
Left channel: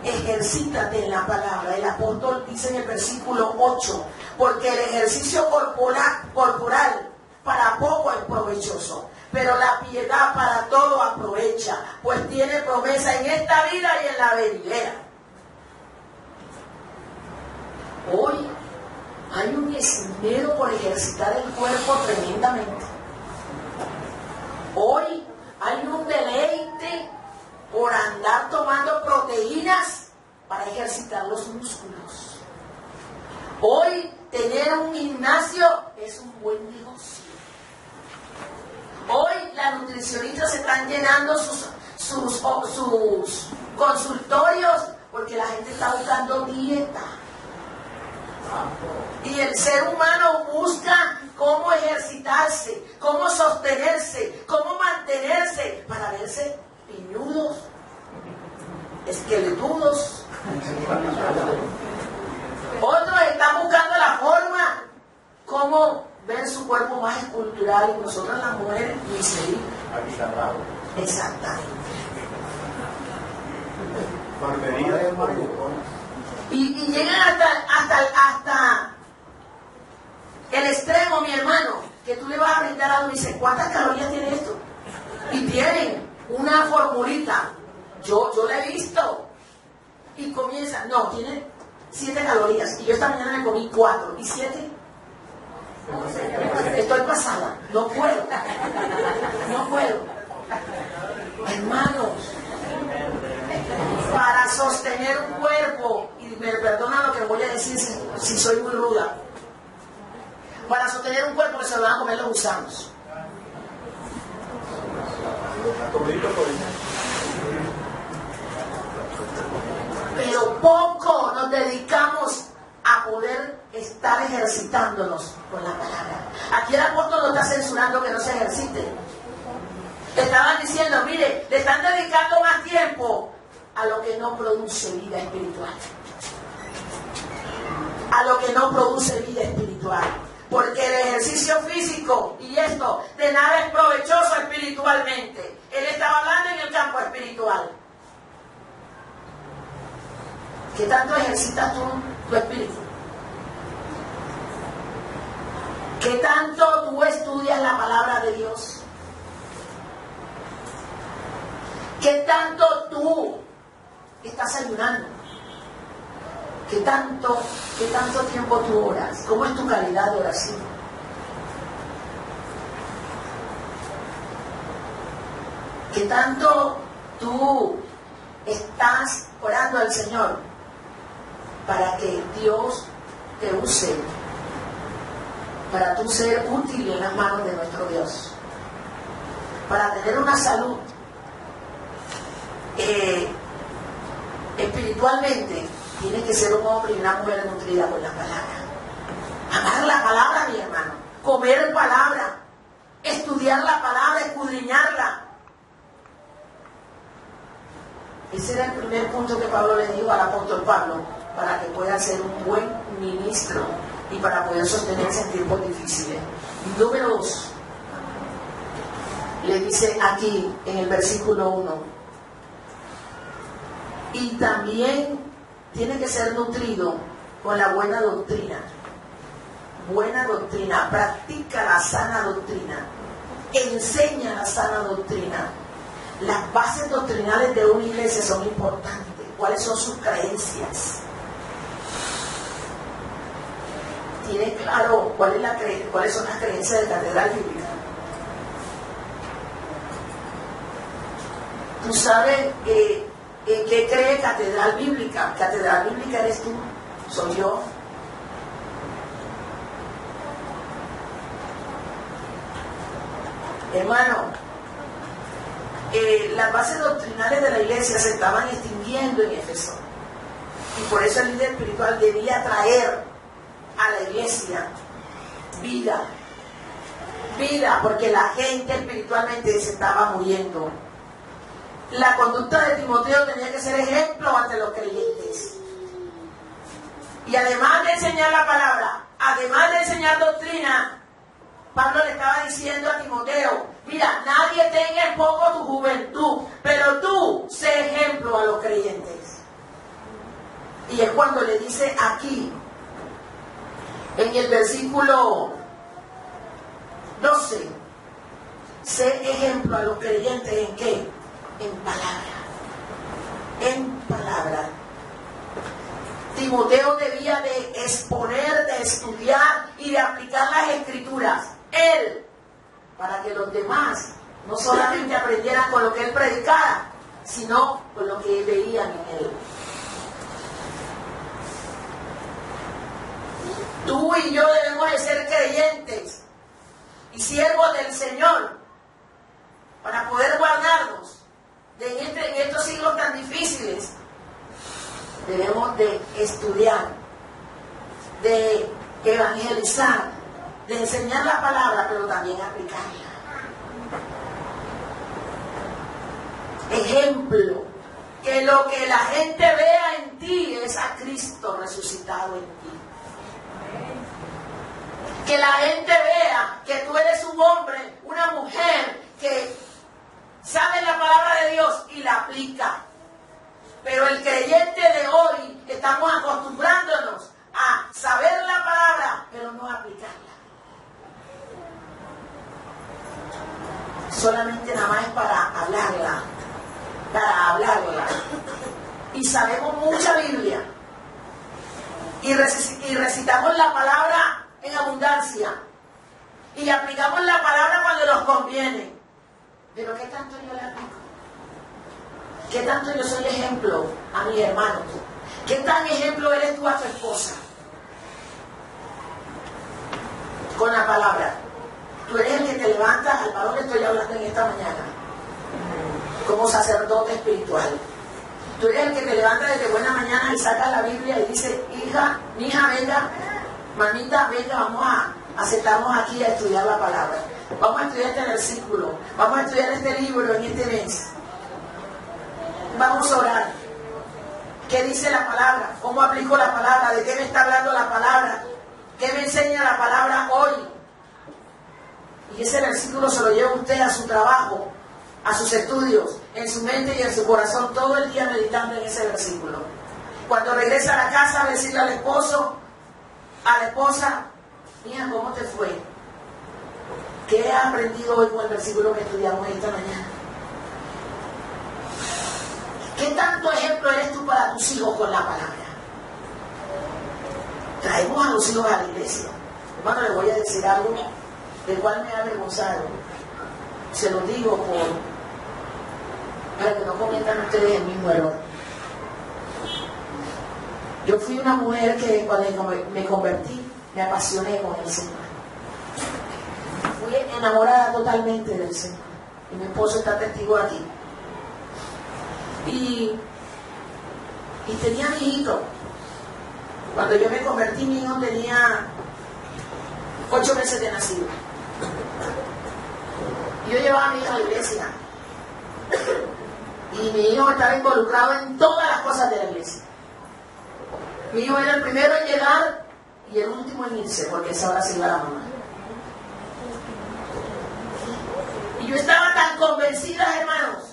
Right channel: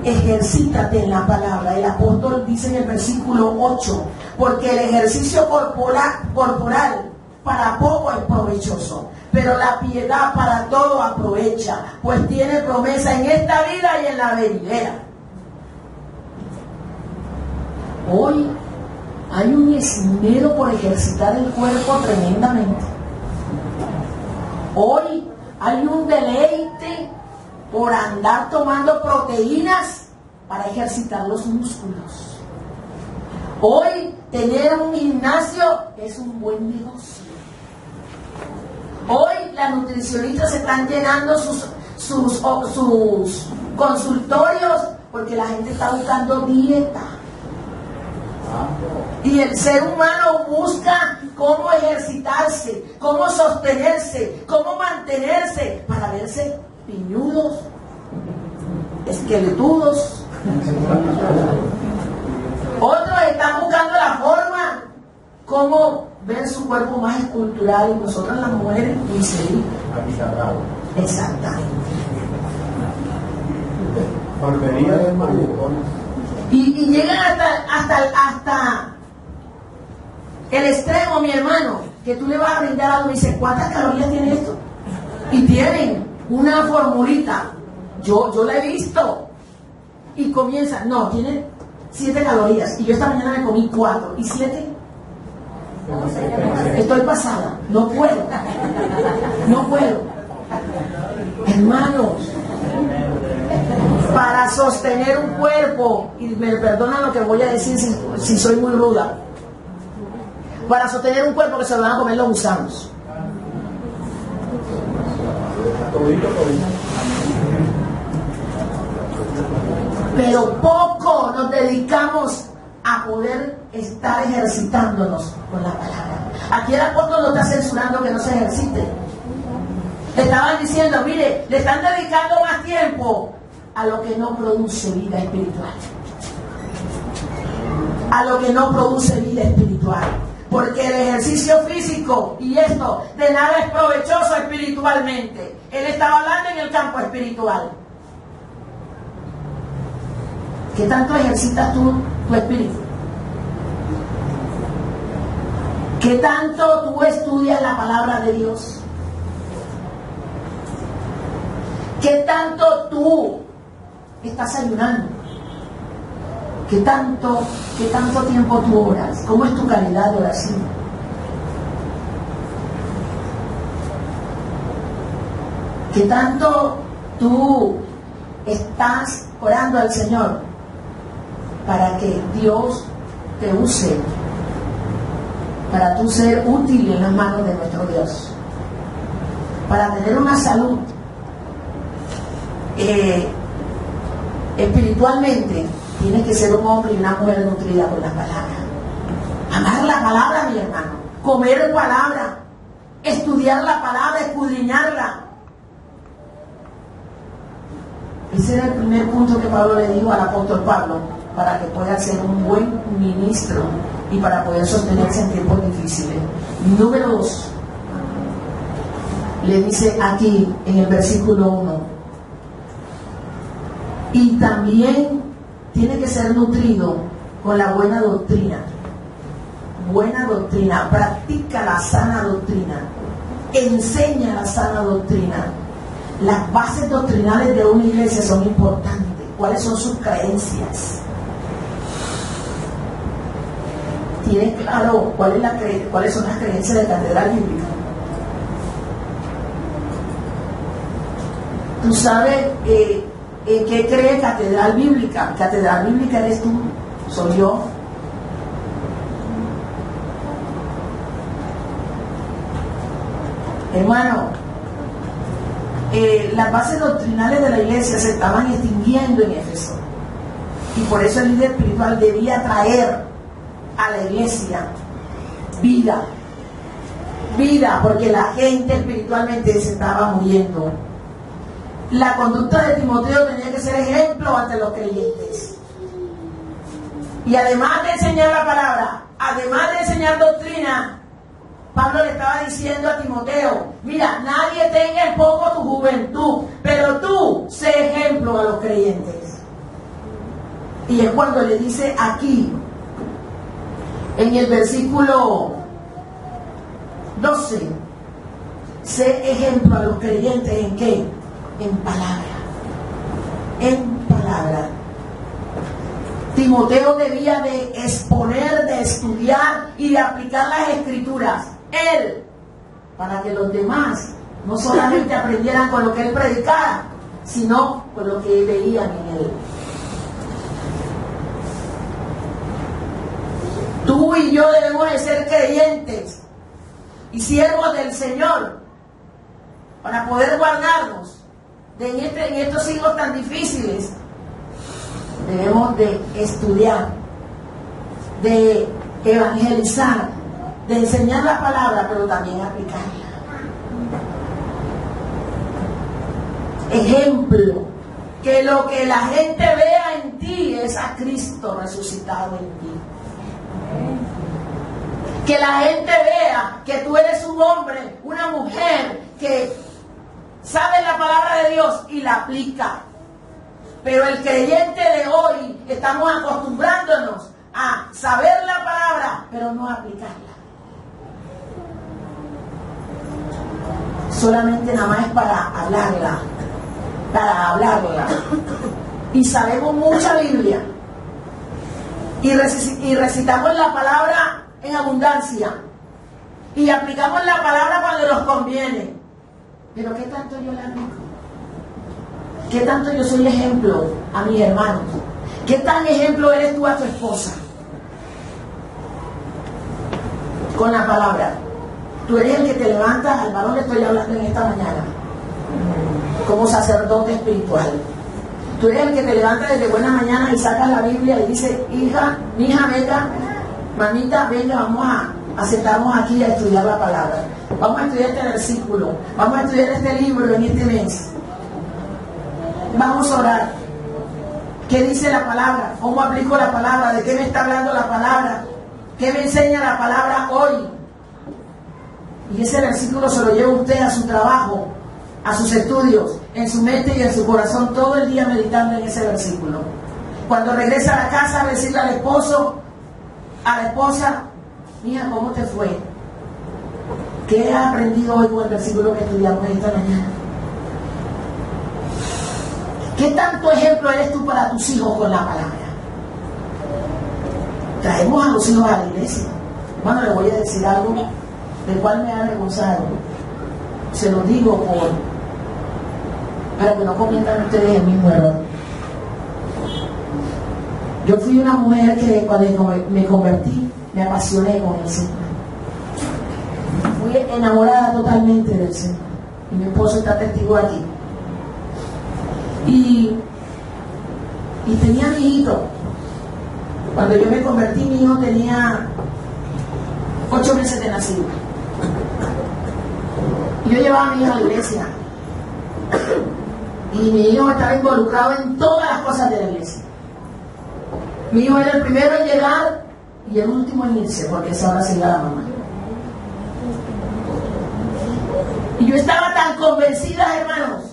Ejercítate en la palabra. El apóstol dice en el versículo 8, porque el ejercicio corporal para poco es provechoso, pero la piedad para todo aprovecha, pues tiene promesa en esta vida y en la venidera. Hoy hay un esmero por ejercitar el cuerpo tremendamente. Hoy hay un deleite por andar tomando proteínas para ejercitar los músculos. Hoy tener un gimnasio es un buen negocio. Hoy las nutricionistas se están llenando sus consultorios porque la gente está buscando dieta. Y el ser humano busca cómo ejercitarse, cómo sostenerse, cómo mantenerse para verse piñudos, esqueletudos. Otros están buscando la forma, cómo ver su cuerpo más escultural, y nosotras las mujeres ni se exactamente. Y llegan hasta el extremo, mi hermano, que tú le vas a brindar algo y dices, ¿cuántas calorías tiene esto? Y tienen una formulita, yo la he visto, y comienza, no, tiene 7 calorías, y yo esta mañana me comí 4, ¿y 7? Estoy pasada, no puedo. Hermanos, para sostener un cuerpo, y me perdonan lo que voy a decir si soy muy ruda, para sostener un cuerpo que se lo van a comer los gusanos. Pero poco nos dedicamos a poder estar ejercitándonos con la palabra. Aquí el apóstol lo está censurando que no se ejercite. Le estaban diciendo, mire, le están dedicando más tiempo a lo que no produce vida espiritual. A lo que no produce vida espiritual. Porque el ejercicio físico y esto de nada es provechoso espiritualmente. Él estaba hablando en el campo espiritual. ¿Qué tanto ejercitas tú tu espíritu? ¿Qué tanto tú estudias la palabra de Dios? ¿Qué tanto tú estás ayunando? ¿Qué tanto tiempo tú oras? ¿Cómo es tu calidad de oración? ¿Qué tanto tú estás orando al Señor para que Dios te use, para tú ser útil en las manos de nuestro Dios, para tener una salud espiritualmente? Tienes que ser un hombre y una mujer nutrida por la palabra. Amar la palabra, mi hermano. Comer palabra. Estudiar la palabra, escudriñarla. Ese era el primer punto que Pablo le dijo al apóstol Pablo, para que pueda ser un buen ministro y para poder sostenerse en tiempos difíciles. Número 2. Le dice aquí en el versículo 1. Y también tiene que ser nutrido con la buena doctrina. Buena doctrina. Practica la sana doctrina. Enseña la sana doctrina. las bases doctrinales de una iglesia son importantes. ¿Cuáles son sus creencias? ¿Tienes claro cuáles son las creencias de Catedral Bíblica? ¿Tú sabes en qué cree Catedral Bíblica? Catedral Bíblica eres tú, soy yo. Hermano, las bases doctrinales de la iglesia se estaban extinguiendo en Éfeso. Y por eso el líder espiritual debía traer a la iglesia vida. Vida, porque la gente espiritualmente se estaba muriendo. La conducta de Timoteo tenía que ser ejemplo ante los creyentes. Y además de enseñar la palabra, además de enseñar doctrina, Pablo le estaba diciendo a Timoteo, mira, nadie tenga en poco tu juventud, pero tú sé ejemplo a los creyentes. Y es cuando le dice aquí, en el versículo 12, sé ejemplo a los creyentes, ¿en qué? En palabra. En palabra. Timoteo debía de exponer, de estudiar y de aplicar las escrituras. Él, para que los demás no solamente aprendieran con lo que él predicara, sino con lo que veían en él. Tú y yo debemos de ser creyentes y siervos del Señor para poder guardarnos en estos siglos tan difíciles. Debemos de estudiar, de evangelizar, de enseñar la palabra, pero también aplicarla. Ejemplo, que lo que la gente vea en ti es a Cristo resucitado en ti. Que la gente vea que tú eres un hombre, una mujer que sabe la palabra de Dios y la aplica. Pero el creyente de hoy estamos acostumbrándonos a saber la palabra, pero no a aplicarla. Solamente nada más es para hablarla. Y sabemos mucha Biblia. Y recitamos la palabra en abundancia. Y aplicamos la palabra cuando nos conviene. Pero ¿qué tanto yo la aplico? ¿Qué tanto yo soy ejemplo a mis hermanos? ¿Qué tan ejemplo eres tú a tu esposa? Con la palabra. Tú eres el que te levantas, al varón le estoy hablando en esta mañana, como sacerdote espiritual. Tú eres el que te levantas desde buena mañana y sacas la Biblia y dices, hija, mi hija, venga, mamita, venga, vamos a sentarnos aquí a estudiar la palabra. Vamos a estudiar este versículo, vamos a estudiar este libro en este mes. Vamos a orar. ¿Qué dice la palabra? ¿Cómo aplico la palabra? ¿De qué me está hablando la palabra? ¿Qué me enseña la palabra hoy? Y ese versículo se lo lleva usted a su trabajo, a sus estudios, en su mente y en su corazón, todo el día meditando en ese versículo. Cuando regresa a la casa a decirle al esposo, a la esposa, mija, ¿cómo te fue? ¿Qué has aprendido hoy con el versículo que estudiamos esta mañana? ¿Qué tanto ejemplo eres tú para tus hijos con la palabra? Traemos a los hijos a la iglesia. Bueno, les voy a decir algo del cual me ha avergonzado. Se lo digo para que no cometan ustedes el mismo error. Yo fui una mujer que cuando me convertí, me apasioné con el Señor. Fui enamorada totalmente del Señor. Y mi esposo está testigo aquí. Y tenía mi hijito. Cuando yo me convertí, mi hijo tenía 8 meses de nacido. Y yo llevaba a mi hijo a la iglesia. Y mi hijo estaba involucrado en todas las cosas de la iglesia. Mi hijo era el primero en llegar y el último en irse, porque esa hora se iba la mamá. Y yo estaba tan convencida, hermanos,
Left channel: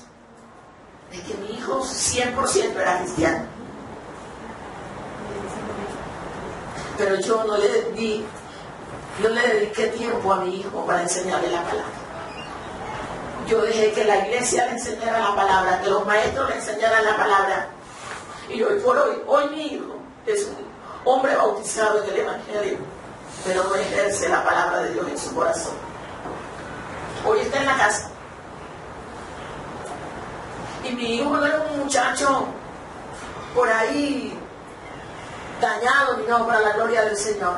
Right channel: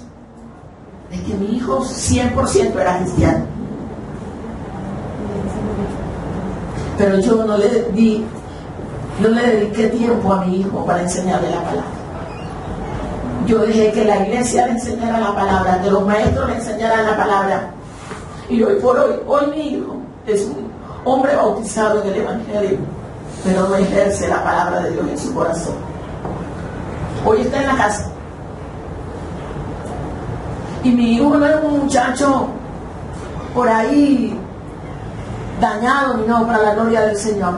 de que mi hijo 100% era cristiano. Pero yo no le dediqué tiempo a mi hijo para enseñarle la palabra. Yo dejé que la iglesia le enseñara la palabra, que los maestros le enseñaran la palabra. Y hoy por hoy mi hijo es un hombre bautizado en el Evangelio, pero no ejerce la palabra de Dios en su corazón. Hoy está en la casa. Y mi hijo no es un muchacho por ahí dañado, ni no, para la gloria del Señor.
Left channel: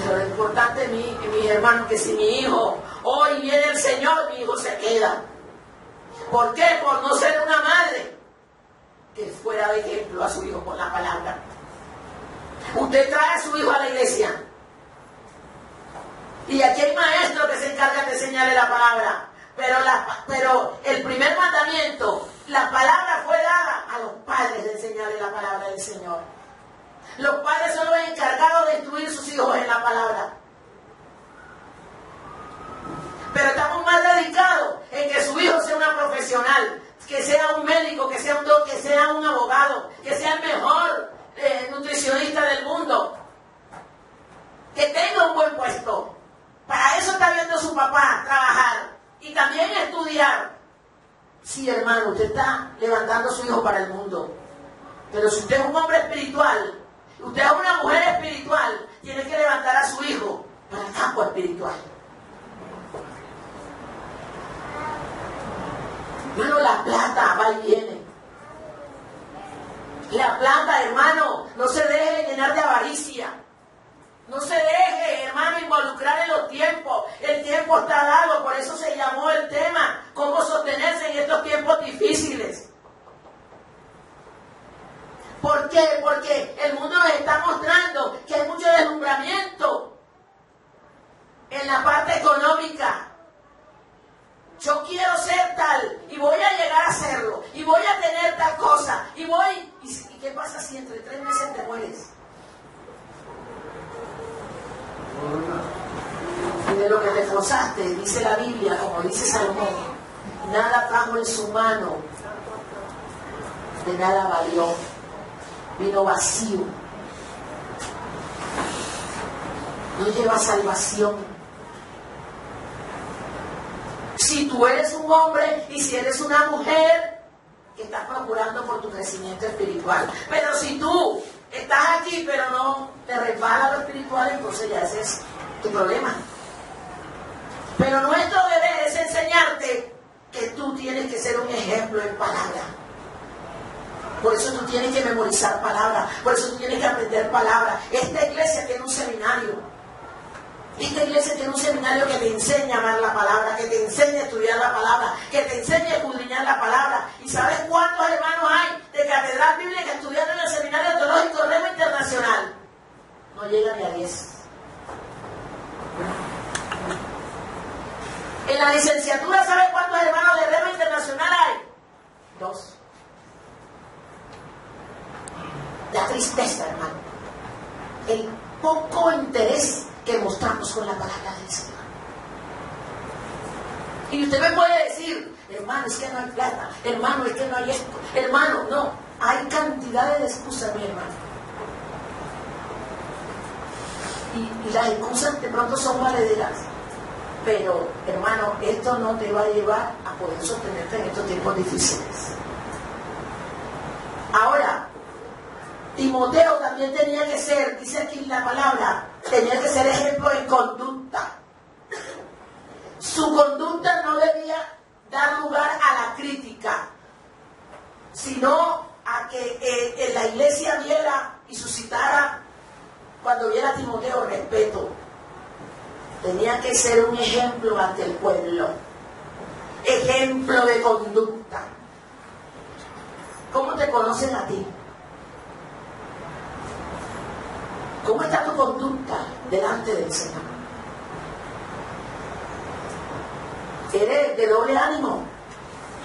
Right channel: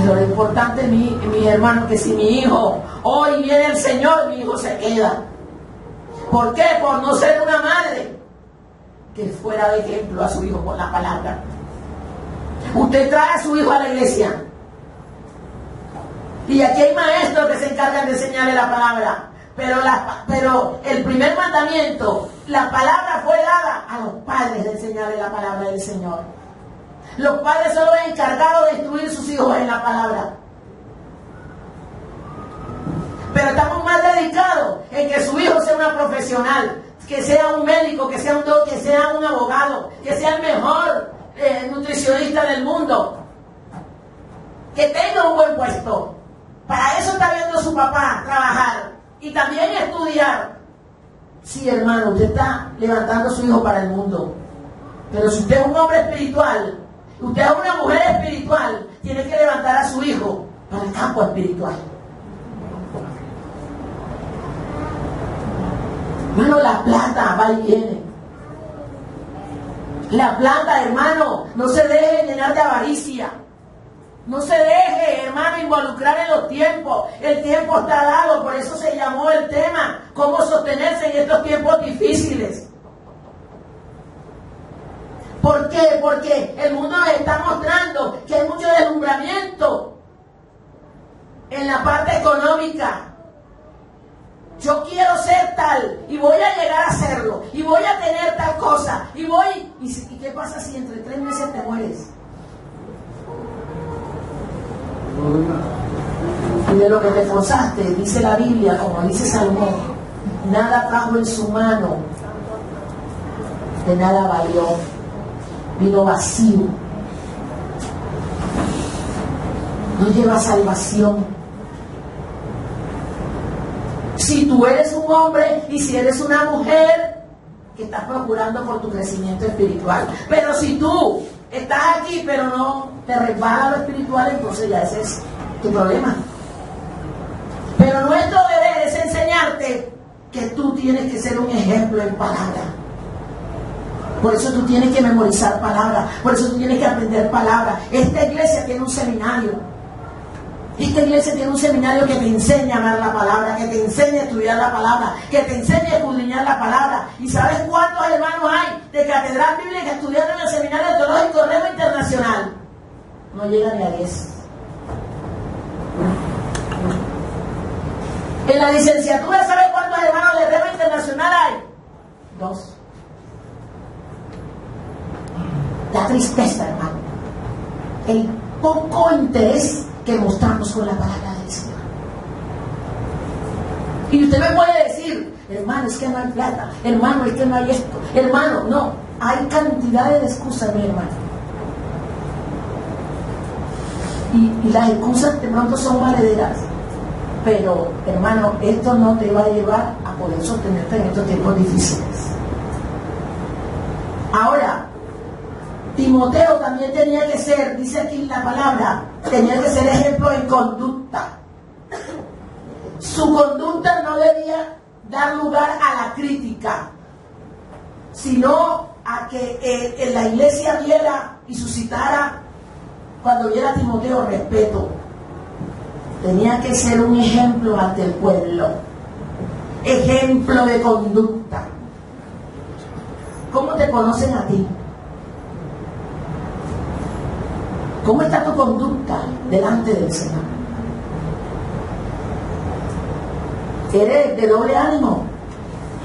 Pero lo importante, mis hermanos, que si mi hijo hoy viene el Señor, mi hijo se queda. ¿Por qué? Por no ser una madre que fuera de ejemplo a su hijo con la palabra. Usted trae a su hijo a la iglesia. Y aquí hay maestros que se encargan de enseñarle la palabra. Pero el primer mandamiento, la palabra fue dada a los padres de enseñarle la palabra del Señor. Los padres son los encargados de instruir a sus hijos en la palabra. Pero estamos más dedicados en que su hijo sea una profesional, que sea un médico, que sea un abogado, que sea el mejor nutricionista del mundo, que tenga un buen puesto. Para eso está viendo su papá trabajar y también estudiar. Sí, hermano, usted está levantando a su hijo para el mundo. Pero si usted es un hombre espiritual, usted es una mujer espiritual, tiene que levantar a su hijo para el campo espiritual. Hermano, la plata va y viene. La plata, hermano, no se deje llenar de avaricia. No se deje, hermano, involucrar en los tiempos. El tiempo está dado, por eso se llamó el tema, cómo sostenerse en estos tiempos difíciles. ¿Por qué? Porque el mundo nos está mostrando que hay mucho deslumbramiento en la parte económica. Yo quiero ser tal y voy a llegar a serlo y voy a tener tal cosa y voy... ¿Y qué pasa si entre 3 meses te mueres? Y de lo que te esforzaste, dice la Biblia, como dice Salomón, nada trajo en su mano, de nada valió, vino vacío, no lleva salvación. Si tú eres un hombre y si eres una mujer que estás procurando por tu crecimiento espiritual, pero si tú estás aquí pero no te resbala lo espiritual, entonces ya ese es tu problema. Pero nuestro deber es enseñarte que tú tienes que ser un ejemplo en palabra. Por eso tú tienes que memorizar palabra, por eso tú tienes que aprender palabra. Esta iglesia tiene un seminario. Esta iglesia tiene un seminario que te enseña a amar la palabra, que te enseña a estudiar la palabra, que te enseña a escudriñar la palabra. ¿Y sabes cuántos hermanos hay de Catedral Bíblica estudiando en el Seminario Teológico Rema Internacional? No llega ni a 10. En la licenciatura, ¿sabes cuántos hermanos de Rema Internacional hay? 2. Da tristeza, hermano, el poco interés que mostramos con la palabra del Señor. Y usted me puede decir, hermano, es que no hay plata, hermano, es que no hay esto, hermano, no, hay cantidad de excusas, mi hermano. Y las excusas de pronto son valederas, pero hermano, esto no te va a llevar a poder sostenerte en estos tiempos difíciles. Ahora, Timoteo también tenía que ser, dice aquí la palabra, tenía que ser ejemplo en conducta. Su conducta no debía dar lugar a la crítica, sino a que en la iglesia viera y suscitara, cuando viera a Timoteo, respeto. Tenía que ser un ejemplo ante el pueblo, ejemplo de conducta. ¿Cómo te conocen a ti? ¿Cómo está tu conducta delante del Señor? ¿Eres de doble ánimo?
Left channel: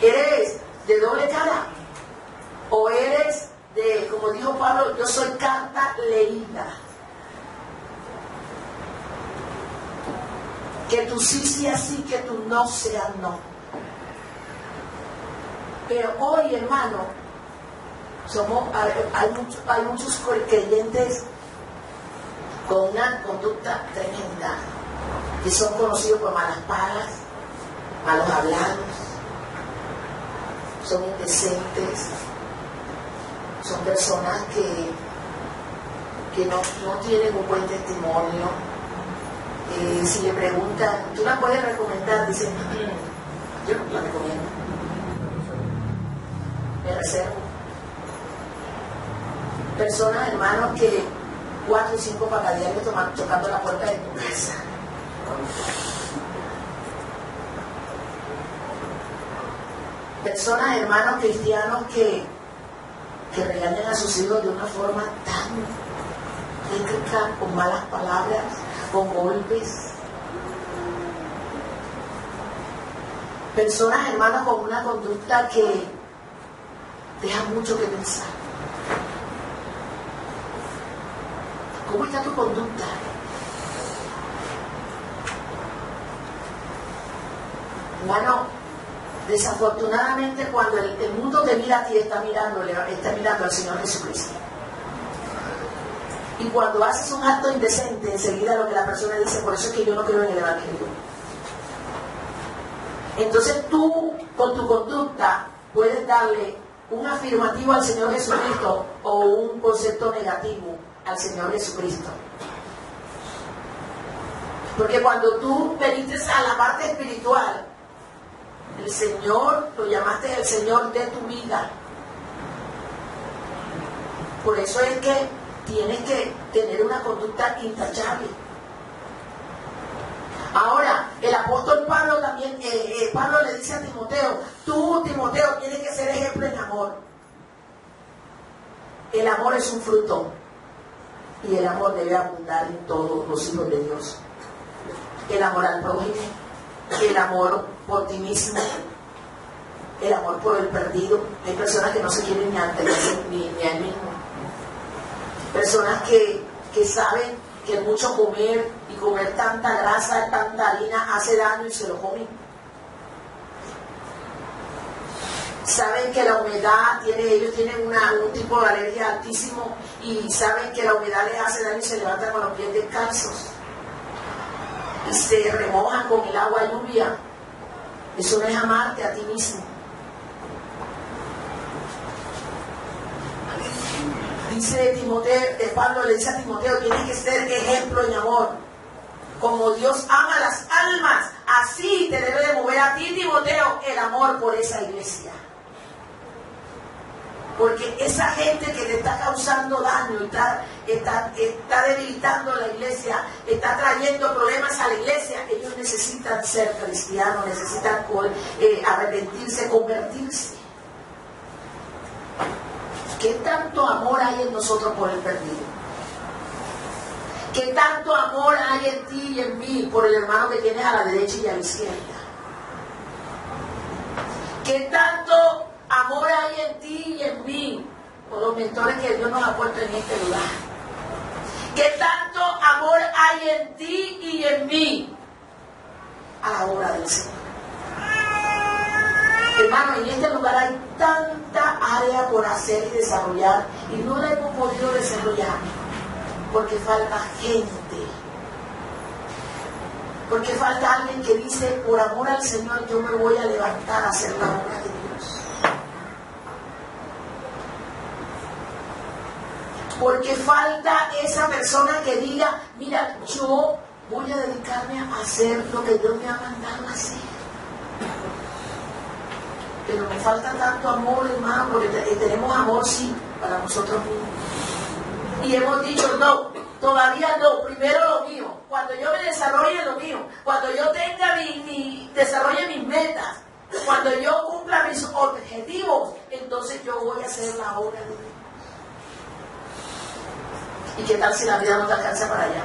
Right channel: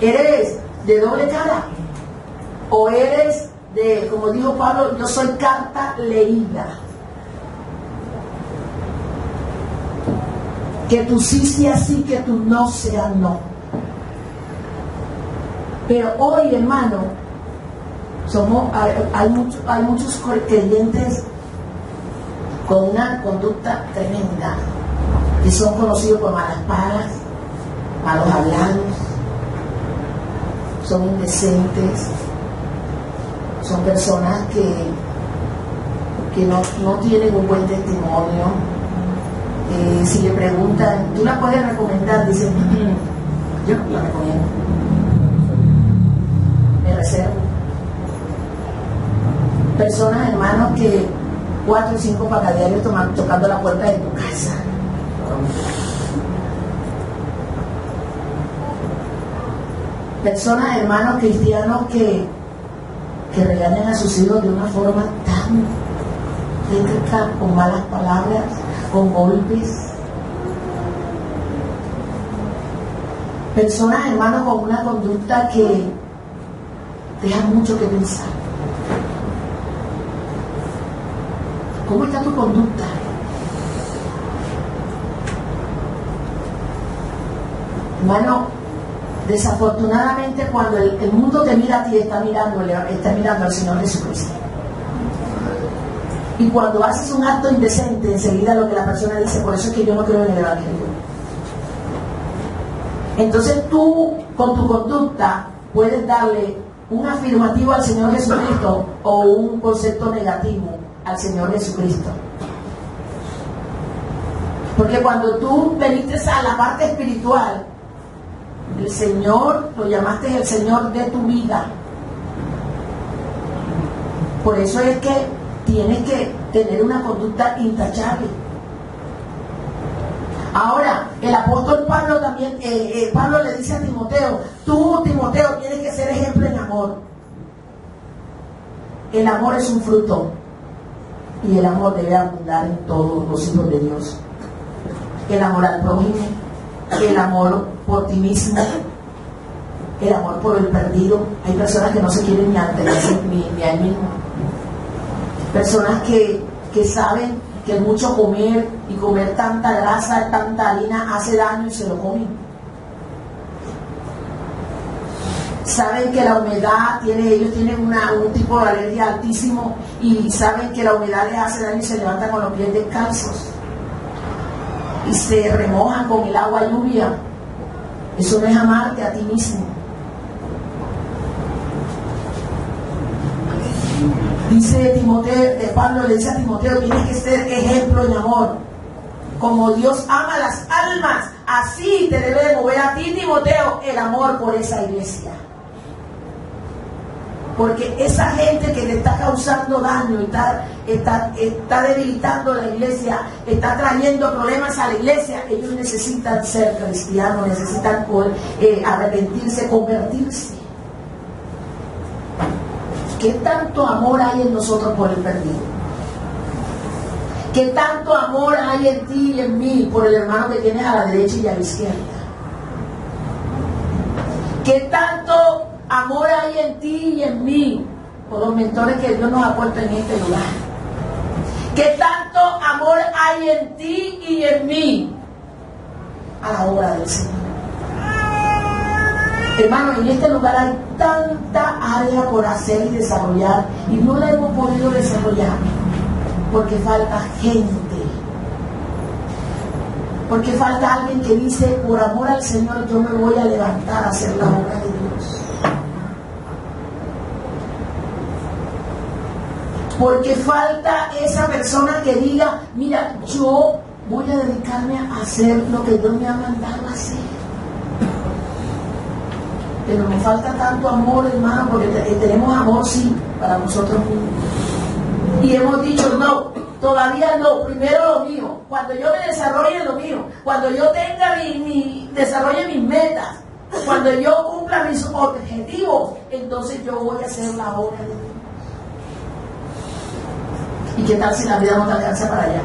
¿Eres de doble cara? ¿O eres de, como dijo Pablo, yo soy carta leída? Que tu sí sea sí, que tu no sea no. Pero hoy, hermano, hay muchos creyentes con una conducta tremenda, que son conocidos por malas pagas, malos hablados, son indecentes, son personas que no tienen un buen testimonio. Si le preguntan, ¿tú la puedes recomendar? Dicen, yo no la recomiendo, me reservo. Personas, hermanos, que 4 o 5 pacadiarios tocando la puerta de tu casa. Personas, hermanos cristianos, que regañan a sus hijos de una forma tan crítica, con malas palabras, con golpes. Personas, hermanos, con una conducta que deja mucho que pensar. ¿Cómo está tu conducta? Hermano, desafortunadamente cuando el mundo te mira a ti, está mirando al Señor Jesucristo. Y cuando haces un acto indecente, enseguida lo que la persona dice, por eso es que yo no creo en el Evangelio. Entonces tú, con tu conducta, puedes darle un afirmativo al Señor Jesucristo o un concepto negativo al Señor Jesucristo. Porque cuando tú veniste a la parte espiritual, el Señor, lo llamaste el Señor de tu vida. Por eso es que tienes que tener una conducta intachable. Ahora, el apóstol Pablo también, Pablo le dice a Timoteo, tú, Timoteo, tienes que ser ejemplo en amor. El amor es un fruto y el amor debe abundar en todos los hijos de Dios. El amor al prójimo, el amor por ti mismo, el amor por el perdido. Hay personas que no se quieren ni a él mismo. Personas que saben que mucho comer y comer tanta grasa, tanta harina hace daño y se lo comen. Saben que la humedad ellos tienen un tipo de alergia altísimo y saben que la humedad les hace daño y se levantan con los pies descalzos y se remojan con el agua lluvia. Eso no es amarte a ti mismo. Dice Timoteo, Pablo le dice a Timoteo, tienes que ser ejemplo en amor. Como Dios ama las almas, así te debe de mover a ti, Timoteo, el amor por esa iglesia. Porque esa gente que le está causando daño, está debilitando la iglesia, está trayendo problemas a la iglesia, ellos necesitan ser cristianos, necesitan arrepentirse, convertirse. ¿Qué tanto amor hay en nosotros por el perdido? ¿Qué tanto amor hay en ti y en mí por el hermano que tienes a la derecha y a la izquierda? ¿Qué tanto amor hay en ti y en mí por los mentores que Dios nos ha puesto en este lugar? ¿Qué tanto amor hay en ti y en mí a la obra del Señor? Hermano, en este lugar hay tanta área por hacer y desarrollar y no la hemos podido desarrollar porque falta gente, porque falta alguien que dice, por amor al Señor yo me voy a levantar a hacer la obra de Dios. Porque falta esa persona que diga, mira, yo voy a dedicarme a hacer lo que Dios me ha mandado a hacer. Pero nos falta tanto amor, hermano, porque tenemos amor, sí, para nosotros mismos. Y hemos dicho, no, todavía no, primero lo mío. Cuando yo me desarrolle lo mío, cuando yo tenga desarrolle mis metas, cuando yo cumpla mis objetivos, entonces yo voy a hacer la obra de Dios. ¿Y qué tal si la vida no te alcanza para allá?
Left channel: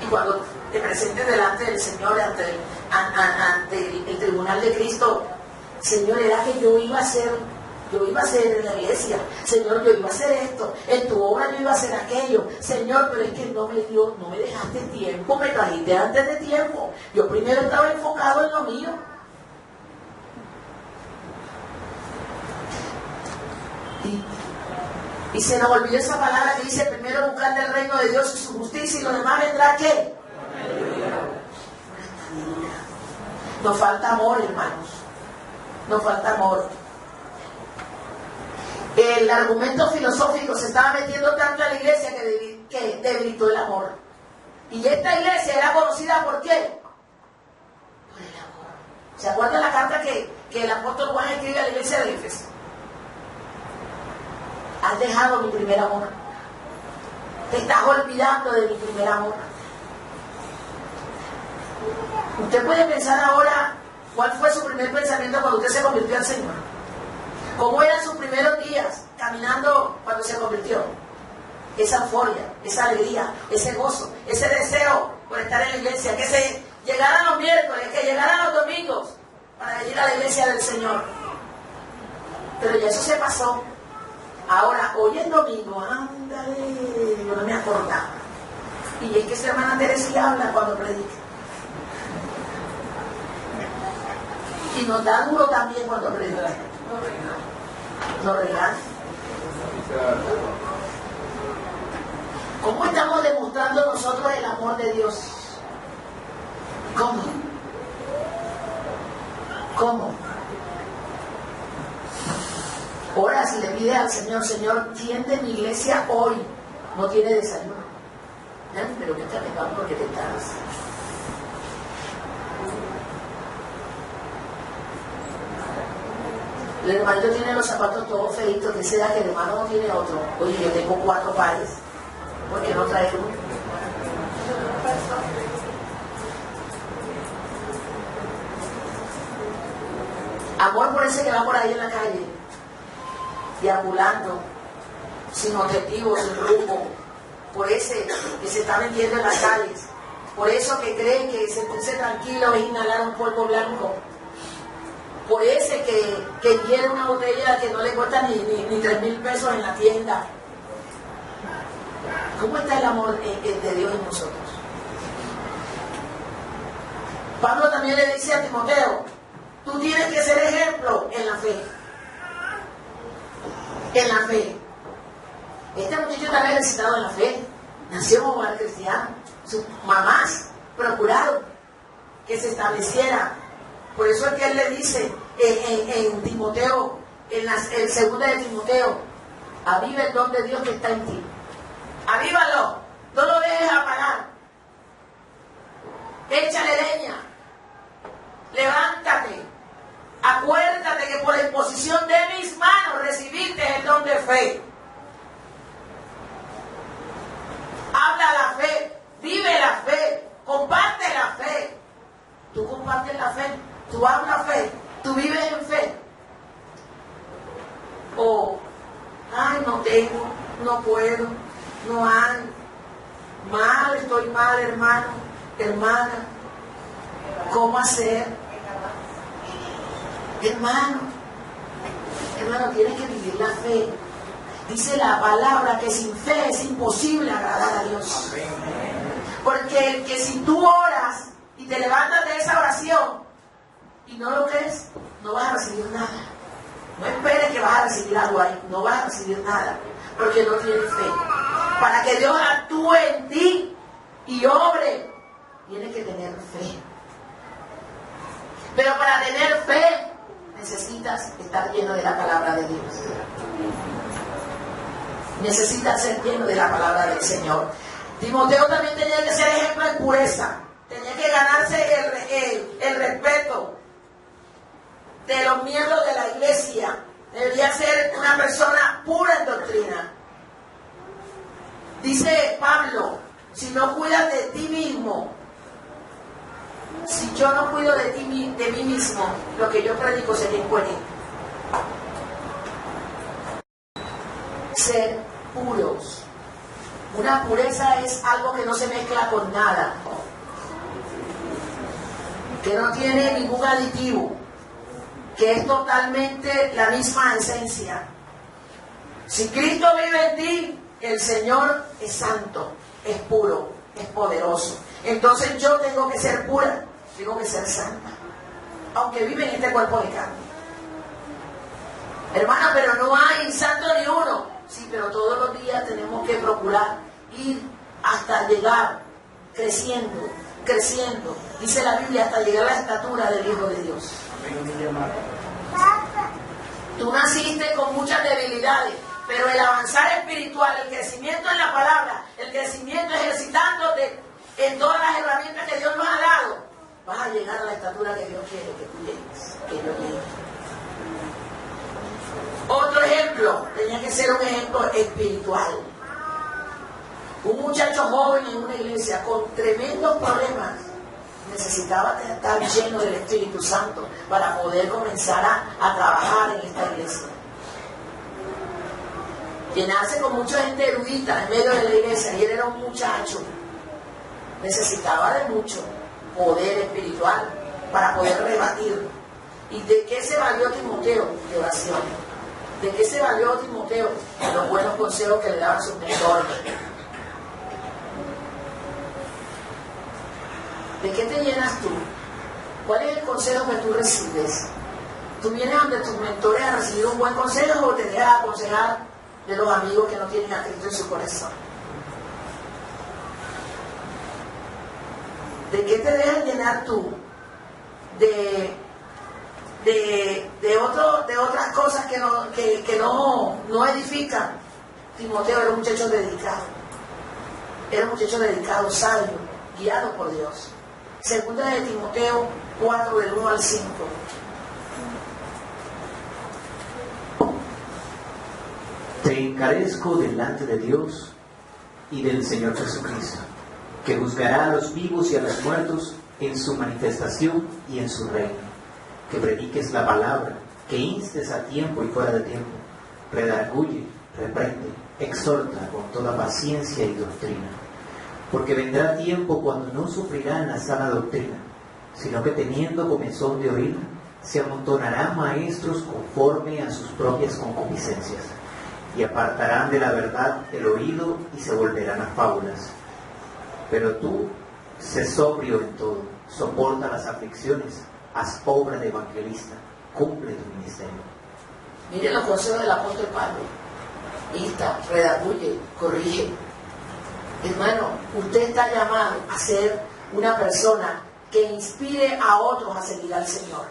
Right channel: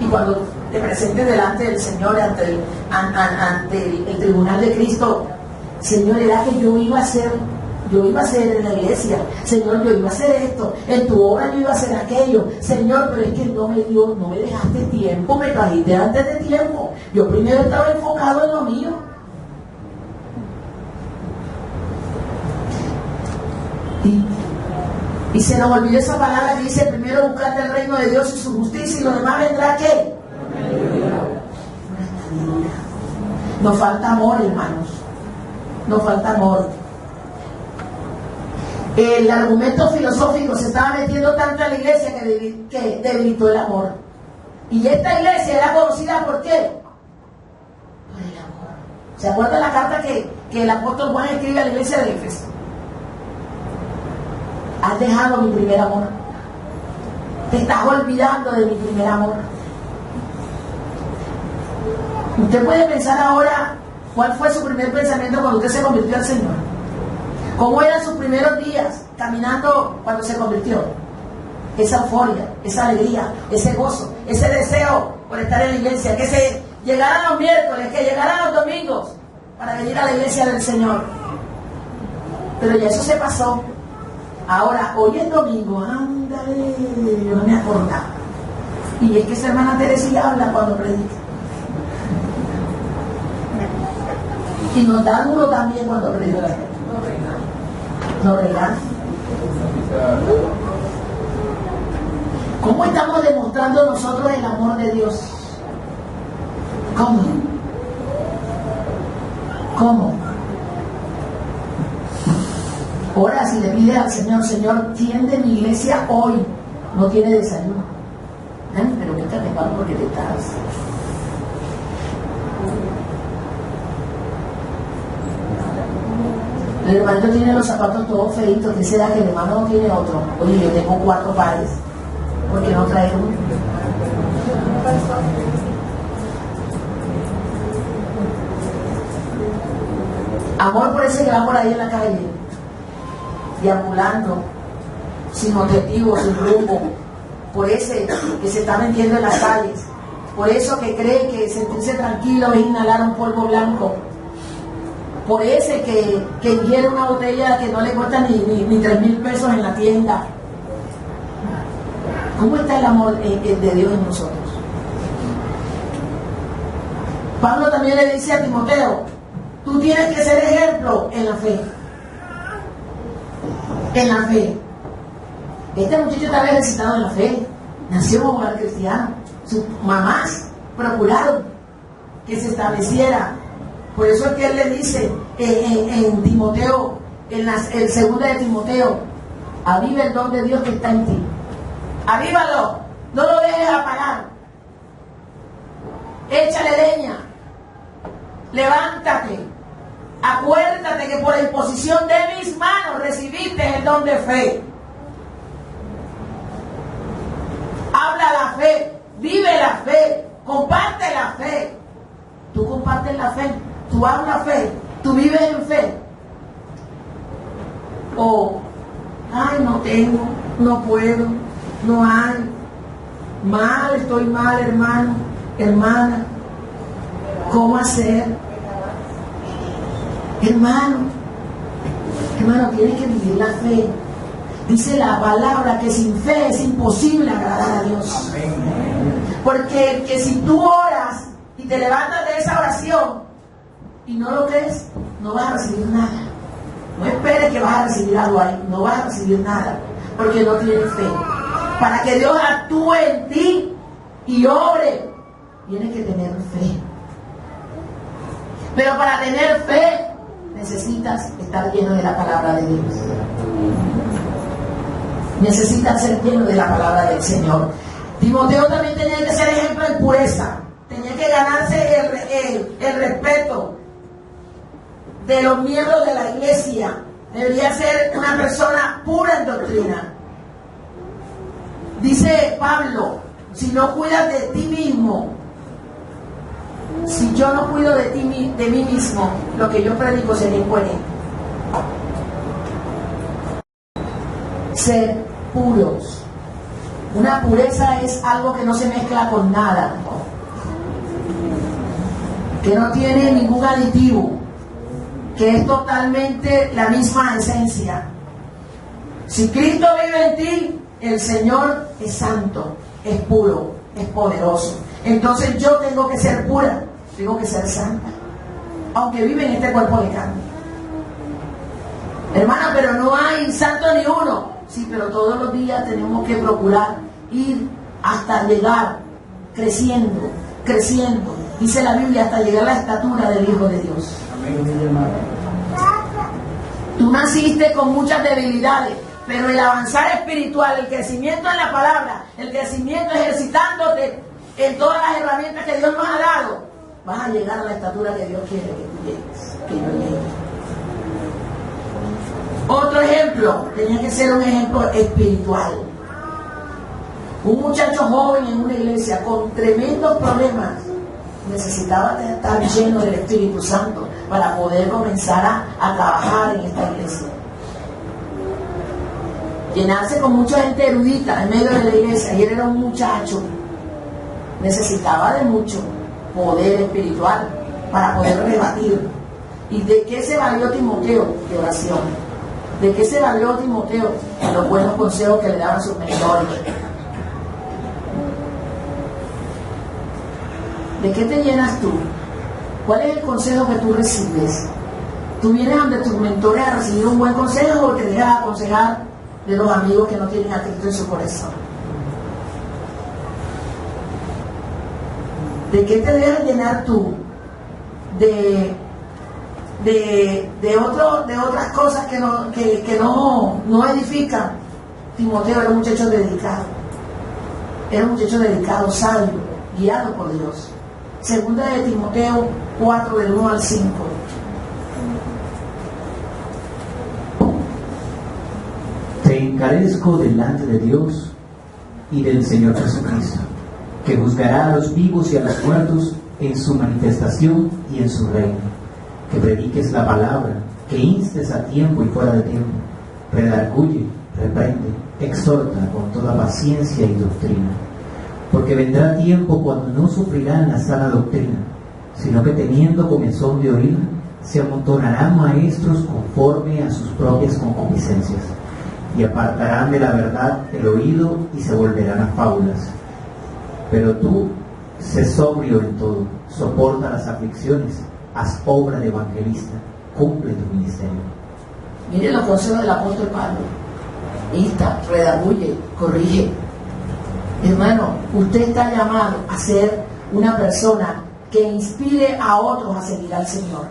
Y cuando te presentes delante del Señor, ante el tribunal de Cristo, Señor, era que yo iba a hacer en la iglesia, Señor, yo iba a hacer esto, en tu obra yo iba a hacer aquello, Señor, pero es que no me dejaste tiempo, me trajiste antes de tiempo, yo primero estaba enfocado en lo mío. Y se nos olvidó esa palabra que dice, primero buscate el reino de Dios y su justicia y lo demás vendrá, ¿qué? Nos falta amor, hermanos. Nos falta amor. El argumento filosófico se estaba metiendo tanto en la iglesia que debilitó el amor. Y esta iglesia era conocida ¿por qué? Por el amor. ¿Se acuerdan la carta que el apóstol Juan escribe a la iglesia de Éfeso? Has dejado mi primer amor. Te estás olvidando de mi primer amor. Usted puede pensar ahora cuál fue su primer pensamiento cuando usted se convirtió al Señor. ¿Cómo eran sus primeros días caminando cuando se convirtió? Esa euforia, esa alegría, ese gozo, ese deseo por estar en la iglesia, que se llegaran los miércoles, que llegaran los domingos para venir a la iglesia del Señor. Pero ya eso se pasó. Ahora, hoy es domingo, ándale, yo no me acordaba. Y es que esa hermana Teresilla habla cuando predica. Y nos da duro también cuando predica. Nos regaña. ¿Cómo estamos demostrando nosotros el amor de Dios? ¿Cómo? ¿Cómo? Ahora, si le pides al Señor, Señor, tiende mi iglesia hoy, no tiene desayuno. Pero que te arreglas porque te estás. El hermanito tiene los zapatos todos feitos, que sea que el hermano no tiene otro. Oye, yo tengo 4 pares. ¿Por qué no traes uno? Amor por ese que va por ahí en la calle, deambulando, sin objetivo, sin rumbo, por ese que se está metiendo en las calles, por eso que cree que sentirse tranquilo es inhalar un polvo blanco, por ese que ingiere una botella que no le cuesta ni 3,000 pesos en la tienda. ¿Cómo está el amor de Dios en nosotros? Pablo también le dice a Timoteo, tú tienes que ser ejemplo en la fe. En la fe. Este muchacho estaba ejercitado en la fe. Nació como hogar cristiano. Sus mamás procuraron que se estableciera. Por eso es que él le dice en Timoteo, el 2 de Timoteo, aviva el don de Dios que está en ti. Avívalo, no lo dejes apagar. Échale leña. Levántate. Acuérdate que por la imposición de mis manos recibiste el don de fe. Habla la fe, vive la fe, comparte la fe. Tú compartes la fe, tú hablas fe, tú vives en fe. O, ay, no tengo, no puedo, no hay. Mal, estoy mal, hermano, hermana. ¿Cómo hacer? Hermano, tienes que vivir la fe. Dice la palabra que sin fe es imposible agradar a Dios. Porque que si tú oras y te levantas de esa oración y no lo crees, no vas a recibir nada. No esperes que vas a recibir algo ahí, no vas a recibir nada, porque no tienes fe. Para que Dios actúe en ti y obre, tienes que tener fe. Pero para tener fe necesitas estar lleno de la palabra de Dios. Necesitas ser lleno de la palabra del Señor. Timoteo también tenía que ser ejemplo en pureza. Tenía que ganarse el respeto de los miembros de la iglesia. Debería ser una persona pura en doctrina. Dice Pablo, si no cuidas de ti mismo, si yo no cuido de mí mismo, lo que yo predico sería incoherente. Ser puros. Una pureza es algo que no se mezcla con nada, que no tiene ningún aditivo, que es totalmente la misma esencia. Si Cristo vive en ti, el Señor es santo, es puro, es poderoso. Entonces yo tengo que ser pura, tengo que ser santa, aunque vive en este cuerpo de carne. Hermana, pero no hay santo ni uno. Sí, pero todos los días tenemos que procurar ir hasta llegar creciendo creciendo, dice la Biblia, hasta llegar a la estatura del Hijo de Dios. Tú naciste con muchas debilidades, pero el avanzar espiritual, el crecimiento en la palabra, el crecimiento ejercitándote en todas las herramientas que Dios nos ha dado, vas a llegar a la estatura que Dios quiere que tú llegues, que yo llegue. Otro ejemplo, tenía que ser un ejemplo espiritual. Un muchacho joven en una iglesia con tremendos problemas necesitaba estar lleno del Espíritu Santo para poder comenzar a trabajar en esta iglesia. Llenarse con mucha gente erudita en medio de la iglesia, y él era un muchacho, necesitaba de mucho poder espiritual para poder rebatir. ¿Y de qué se valió Timoteo? De oración. ¿De qué se valió Timoteo? De los buenos consejos que le daban sus mentores. ¿De qué te llenas tú? ¿Cuál es el consejo que tú recibes? ¿Tú vienes ante tus mentores a recibir un buen consejo o te dejas aconsejar de los amigos que no tienen a Cristo en su corazón? ¿De qué te dejas llenar tú? De otras cosas que no edifican. Timoteo era un muchacho dedicado. Era un muchacho dedicado, sabio, guiado por Dios. Segunda de Timoteo 4, del 1 al 5. Te encarezco delante de Dios y del Señor Jesucristo, que juzgará a los vivos y a los muertos en su manifestación y en su reino. Que prediques la palabra, que instes a tiempo y fuera de tiempo, redarguye, reprende, exhorta con toda paciencia y doctrina. Porque vendrá tiempo cuando no sufrirán la sana doctrina, sino que teniendo comezón de oír, se amontonarán maestros conforme a sus propias concupiscencias, y apartarán de la verdad el oído y se volverán a fábulas. Pero tú, sé sobrio en todo, soporta las aflicciones, haz obra de evangelista, cumple tu ministerio. Miren los consejos del apóstol Pablo. Insta, redarguye, corrige. Hermano, usted está llamado a ser una persona que inspire a otros a seguir al Señor.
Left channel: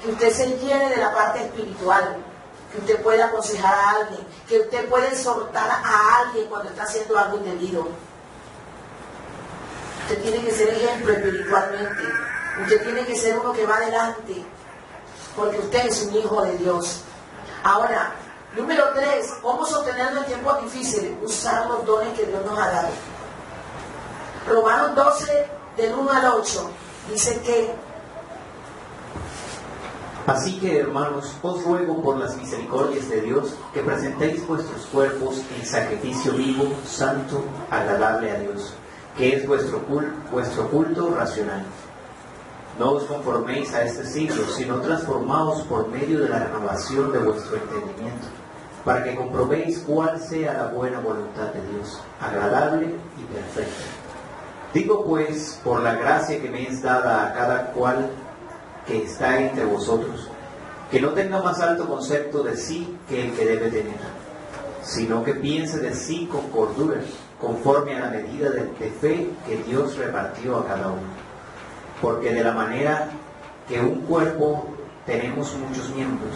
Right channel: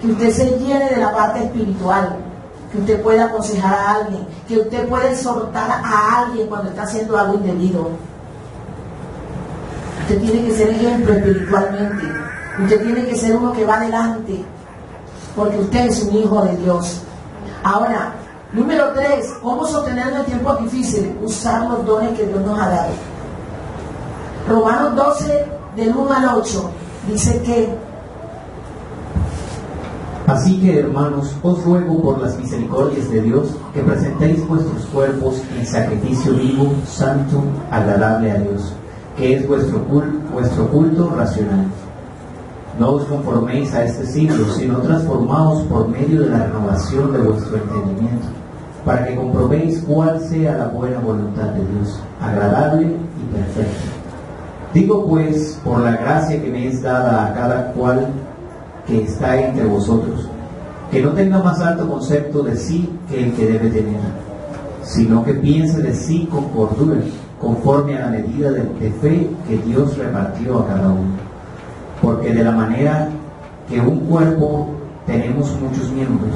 Que usted se llene de la parte espiritual, que usted pueda aconsejar a alguien, que usted pueda exhortar a alguien cuando está haciendo algo indebido. Usted tiene que ser ejemplo espiritualmente. Usted tiene que ser uno que va adelante, porque usted es un hijo de Dios. Ahora, número 3, ¿cómo sostenernos en tiempos difíciles? Usar los dones que Dios nos ha dado. Romanos 12, del 1 al 8, dice que: Así que, hermanos, os ruego por las misericordias de Dios que presentéis vuestros cuerpos en sacrificio vivo, santo, agradable a Dios, que es vuestro culto racional. No os conforméis a este siglo, sino transformaos por medio de la renovación de vuestro entendimiento, para que comprobéis cuál sea la buena voluntad de Dios, agradable y perfecta. Digo pues, por la gracia que me es dada a cada cual que está entre vosotros, que no tenga más alto concepto de sí que el que debe tener, sino que piense de sí con cordura, conforme a la medida de fe que Dios repartió a cada uno. Porque de la manera que en un cuerpo tenemos muchos miembros,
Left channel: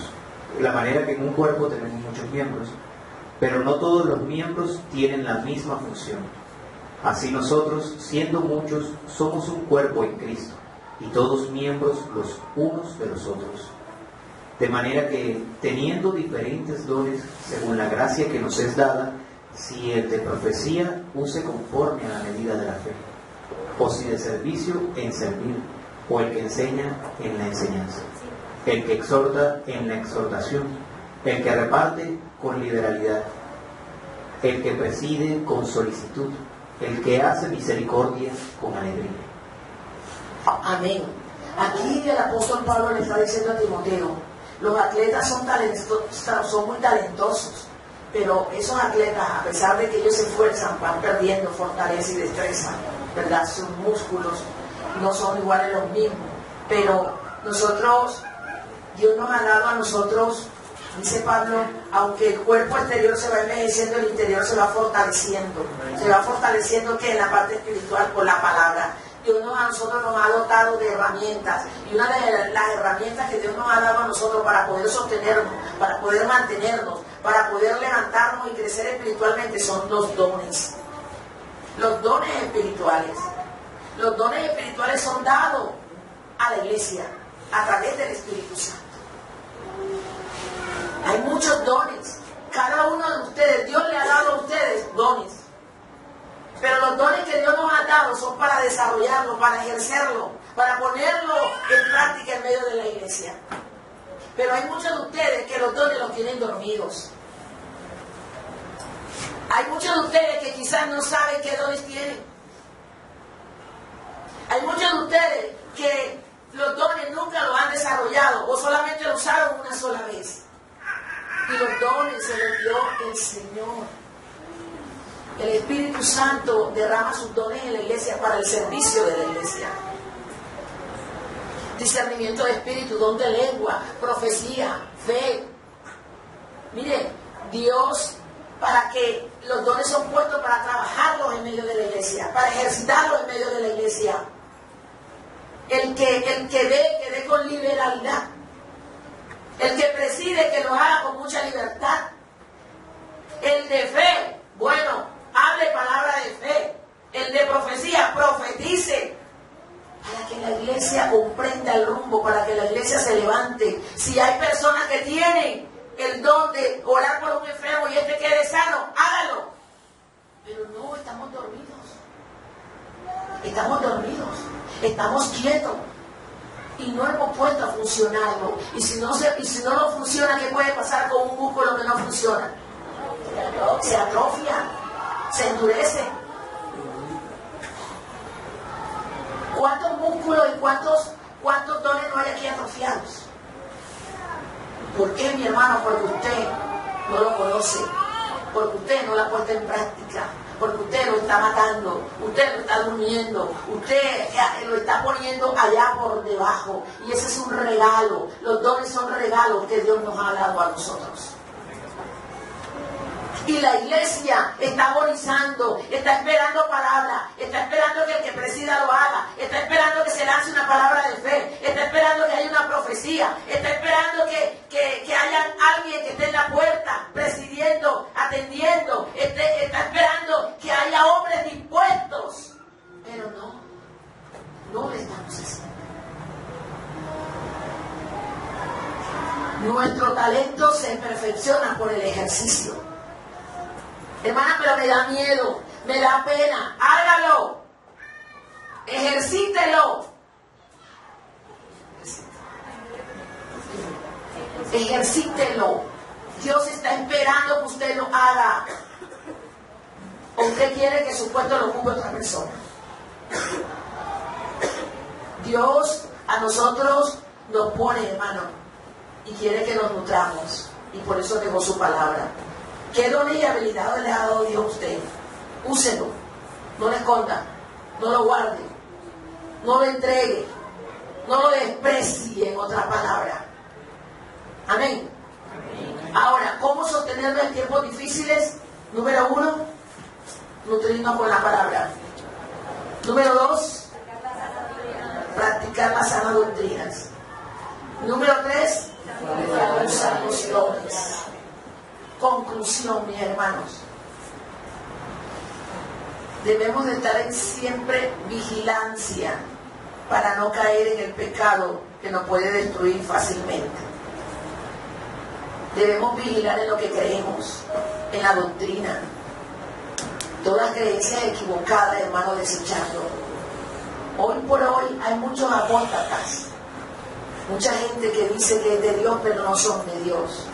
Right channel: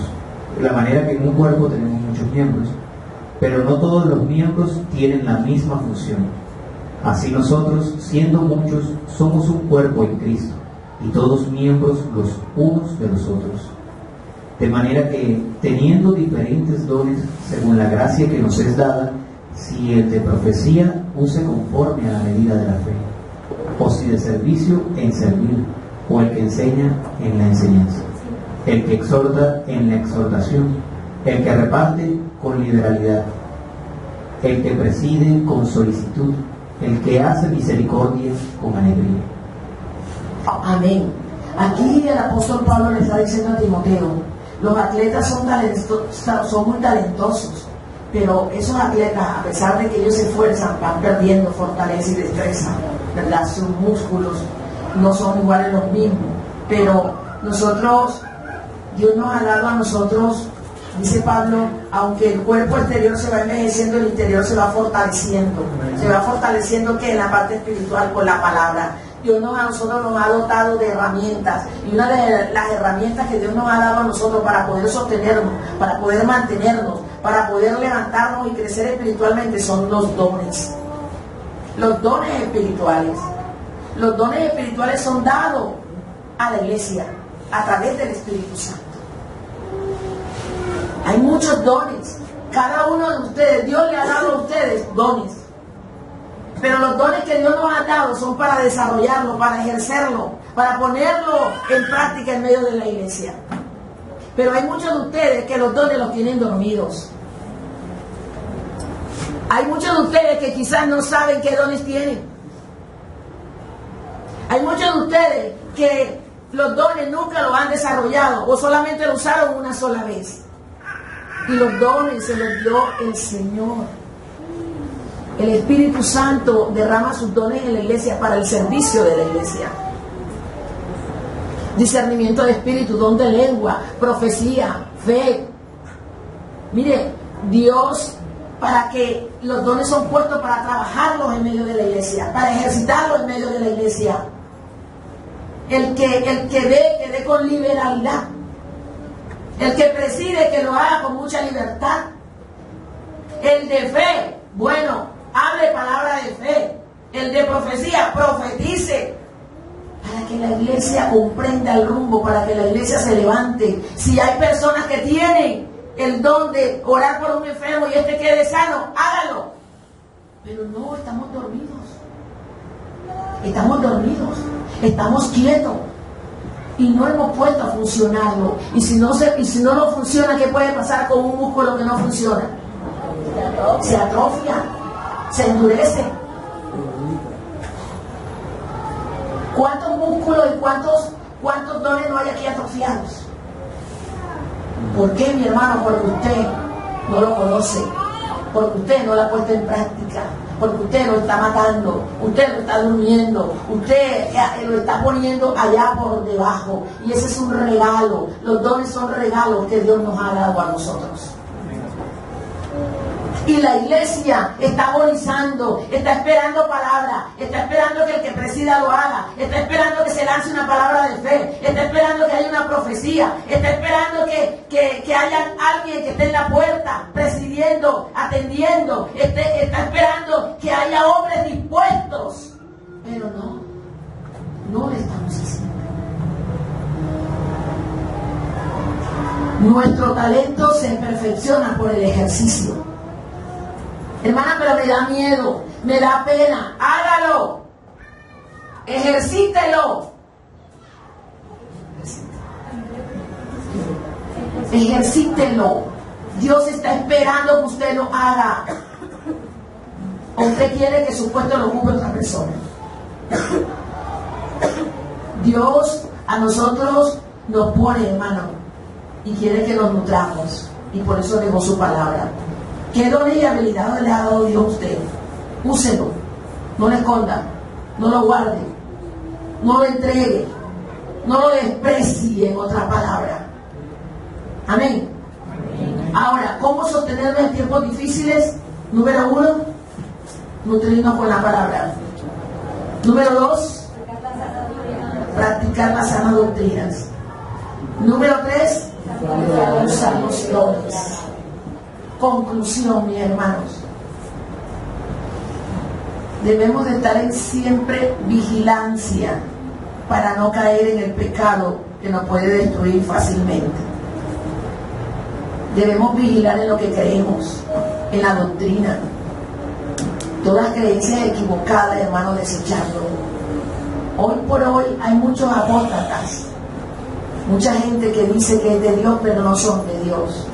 pero no todos los miembros tienen la misma función. Así nosotros, siendo muchos, somos un cuerpo en Cristo, y todos miembros los unos de los otros. De manera que, teniendo diferentes dones según la gracia que nos es dada, si el de profecía, use conforme a la medida de la fe, o si de servicio, en servir, o el que enseña, en la enseñanza, el que exhorta, en la exhortación, el que reparte, con liberalidad, el que preside, con solicitud, el que hace misericordia, con alegría. Amén. Aquí el apóstol Pablo le está diciendo a Timoteo: los atletas son muy talentosos, pero esos atletas, a pesar de que ellos se esfuerzan, van perdiendo fortaleza y destreza, ¿verdad? Sus músculos no son iguales los mismos, pero nosotros, Dios nos ha dado a nosotros, dice Pablo, aunque el cuerpo exterior se va envejeciendo, el interior se va fortaleciendo. Se va fortaleciendo que en la parte espiritual, por la palabra. Dios a nosotros nos ha dotado de herramientas. Y una de las herramientas que Dios nos ha dado a nosotros para poder sostenernos, para poder mantenernos, para poder levantarnos y crecer espiritualmente son los dones. Los dones espirituales. Los dones espirituales son dados a la iglesia a través del Espíritu Santo. Hay muchos dones. Cada uno de ustedes, Dios le ha dado a ustedes dones. Pero los dones que Dios nos ha dado son para desarrollarlo, para ejercerlo, para ponerlo en práctica en medio de la iglesia. Pero hay muchos de ustedes que los dones los tienen dormidos. Hay muchos de ustedes que quizás no saben qué dones tienen. Hay muchos de ustedes que los dones nunca los han desarrollado o solamente lo usaron una sola vez. Y los dones se los dio el Señor. El Espíritu Santo derrama sus dones en la iglesia para el servicio de la iglesia. Discernimiento de espíritu, don de lengua, profecía, fe. Mire, Dios, para que los dones son puestos para trabajarlos en medio de la iglesia, para ejercitarlos en medio de la iglesia. El que dé con liberalidad. El que preside, que lo haga con mucha libertad. El de fe, bueno, hable palabra de fe. El de profecía, profetice. Para que la iglesia comprenda el rumbo, para que la iglesia se levante. Si hay personas que tienen el don de orar por un enfermo y este quede sano, hágalo. Pero no, estamos dormidos. Estamos dormidos. Estamos quietos. Y no hemos puesto a funcionarlo. Y si no lo funciona, ¿qué puede pasar con un músculo que no funciona? Se atrofia, se endurece. ¿Cuántos músculos y cuántos dones no hay aquí atrofiados? ¿Por qué, mi hermano? Porque usted no lo conoce, porque usted no lo ha puesto en práctica, porque usted lo está matando, usted lo está durmiendo, usted lo está poniendo allá por debajo. Y ese es un regalo. Los dones son regalos que Dios nos ha dado a nosotros. Y la iglesia está agonizando, está esperando palabra, está esperando que el que presida lo haga, está esperando que se lance una palabra de fe, está esperando que haya una profecía, está esperando que haya alguien que esté en la puerta, presidiendo, atendiendo, está esperando que haya hombres dispuestos. Pero no lo estamos haciendo. Nuestro talento se perfecciona por el ejercicio. Hermana, pero me da miedo, me da pena. Hágalo. Ejercítelo. Ejercítelo. Dios está esperando que usted lo haga. ¿O usted quiere que su puesto lo ocupe otra persona? Dios a nosotros nos pone, hermano, y quiere que nos nutramos. Y por eso dejó su palabra. ¿Qué dones y habilidades le ha dado Dios a usted? Úselo. No lo esconda. No lo guarde. No lo entregue. No lo desprecie, en otra palabra. Amén. Ahora, ¿cómo sostenerlo en tiempos difíciles? Número 1, nutrirnos con la palabra. Número 2, practicar las sanas doctrinas. Número 3, usar los dones. Conclusión, mis hermanos. Debemos de estar en siempre vigilancia para no caer en el pecado que nos puede destruir fácilmente. Debemos vigilar en lo que creemos, en la doctrina. Todas creencias equivocadas, hermano, desecharlo. Hoy por hoy hay muchos apóstatas, mucha gente que dice que es de Dios, pero no son de Dios.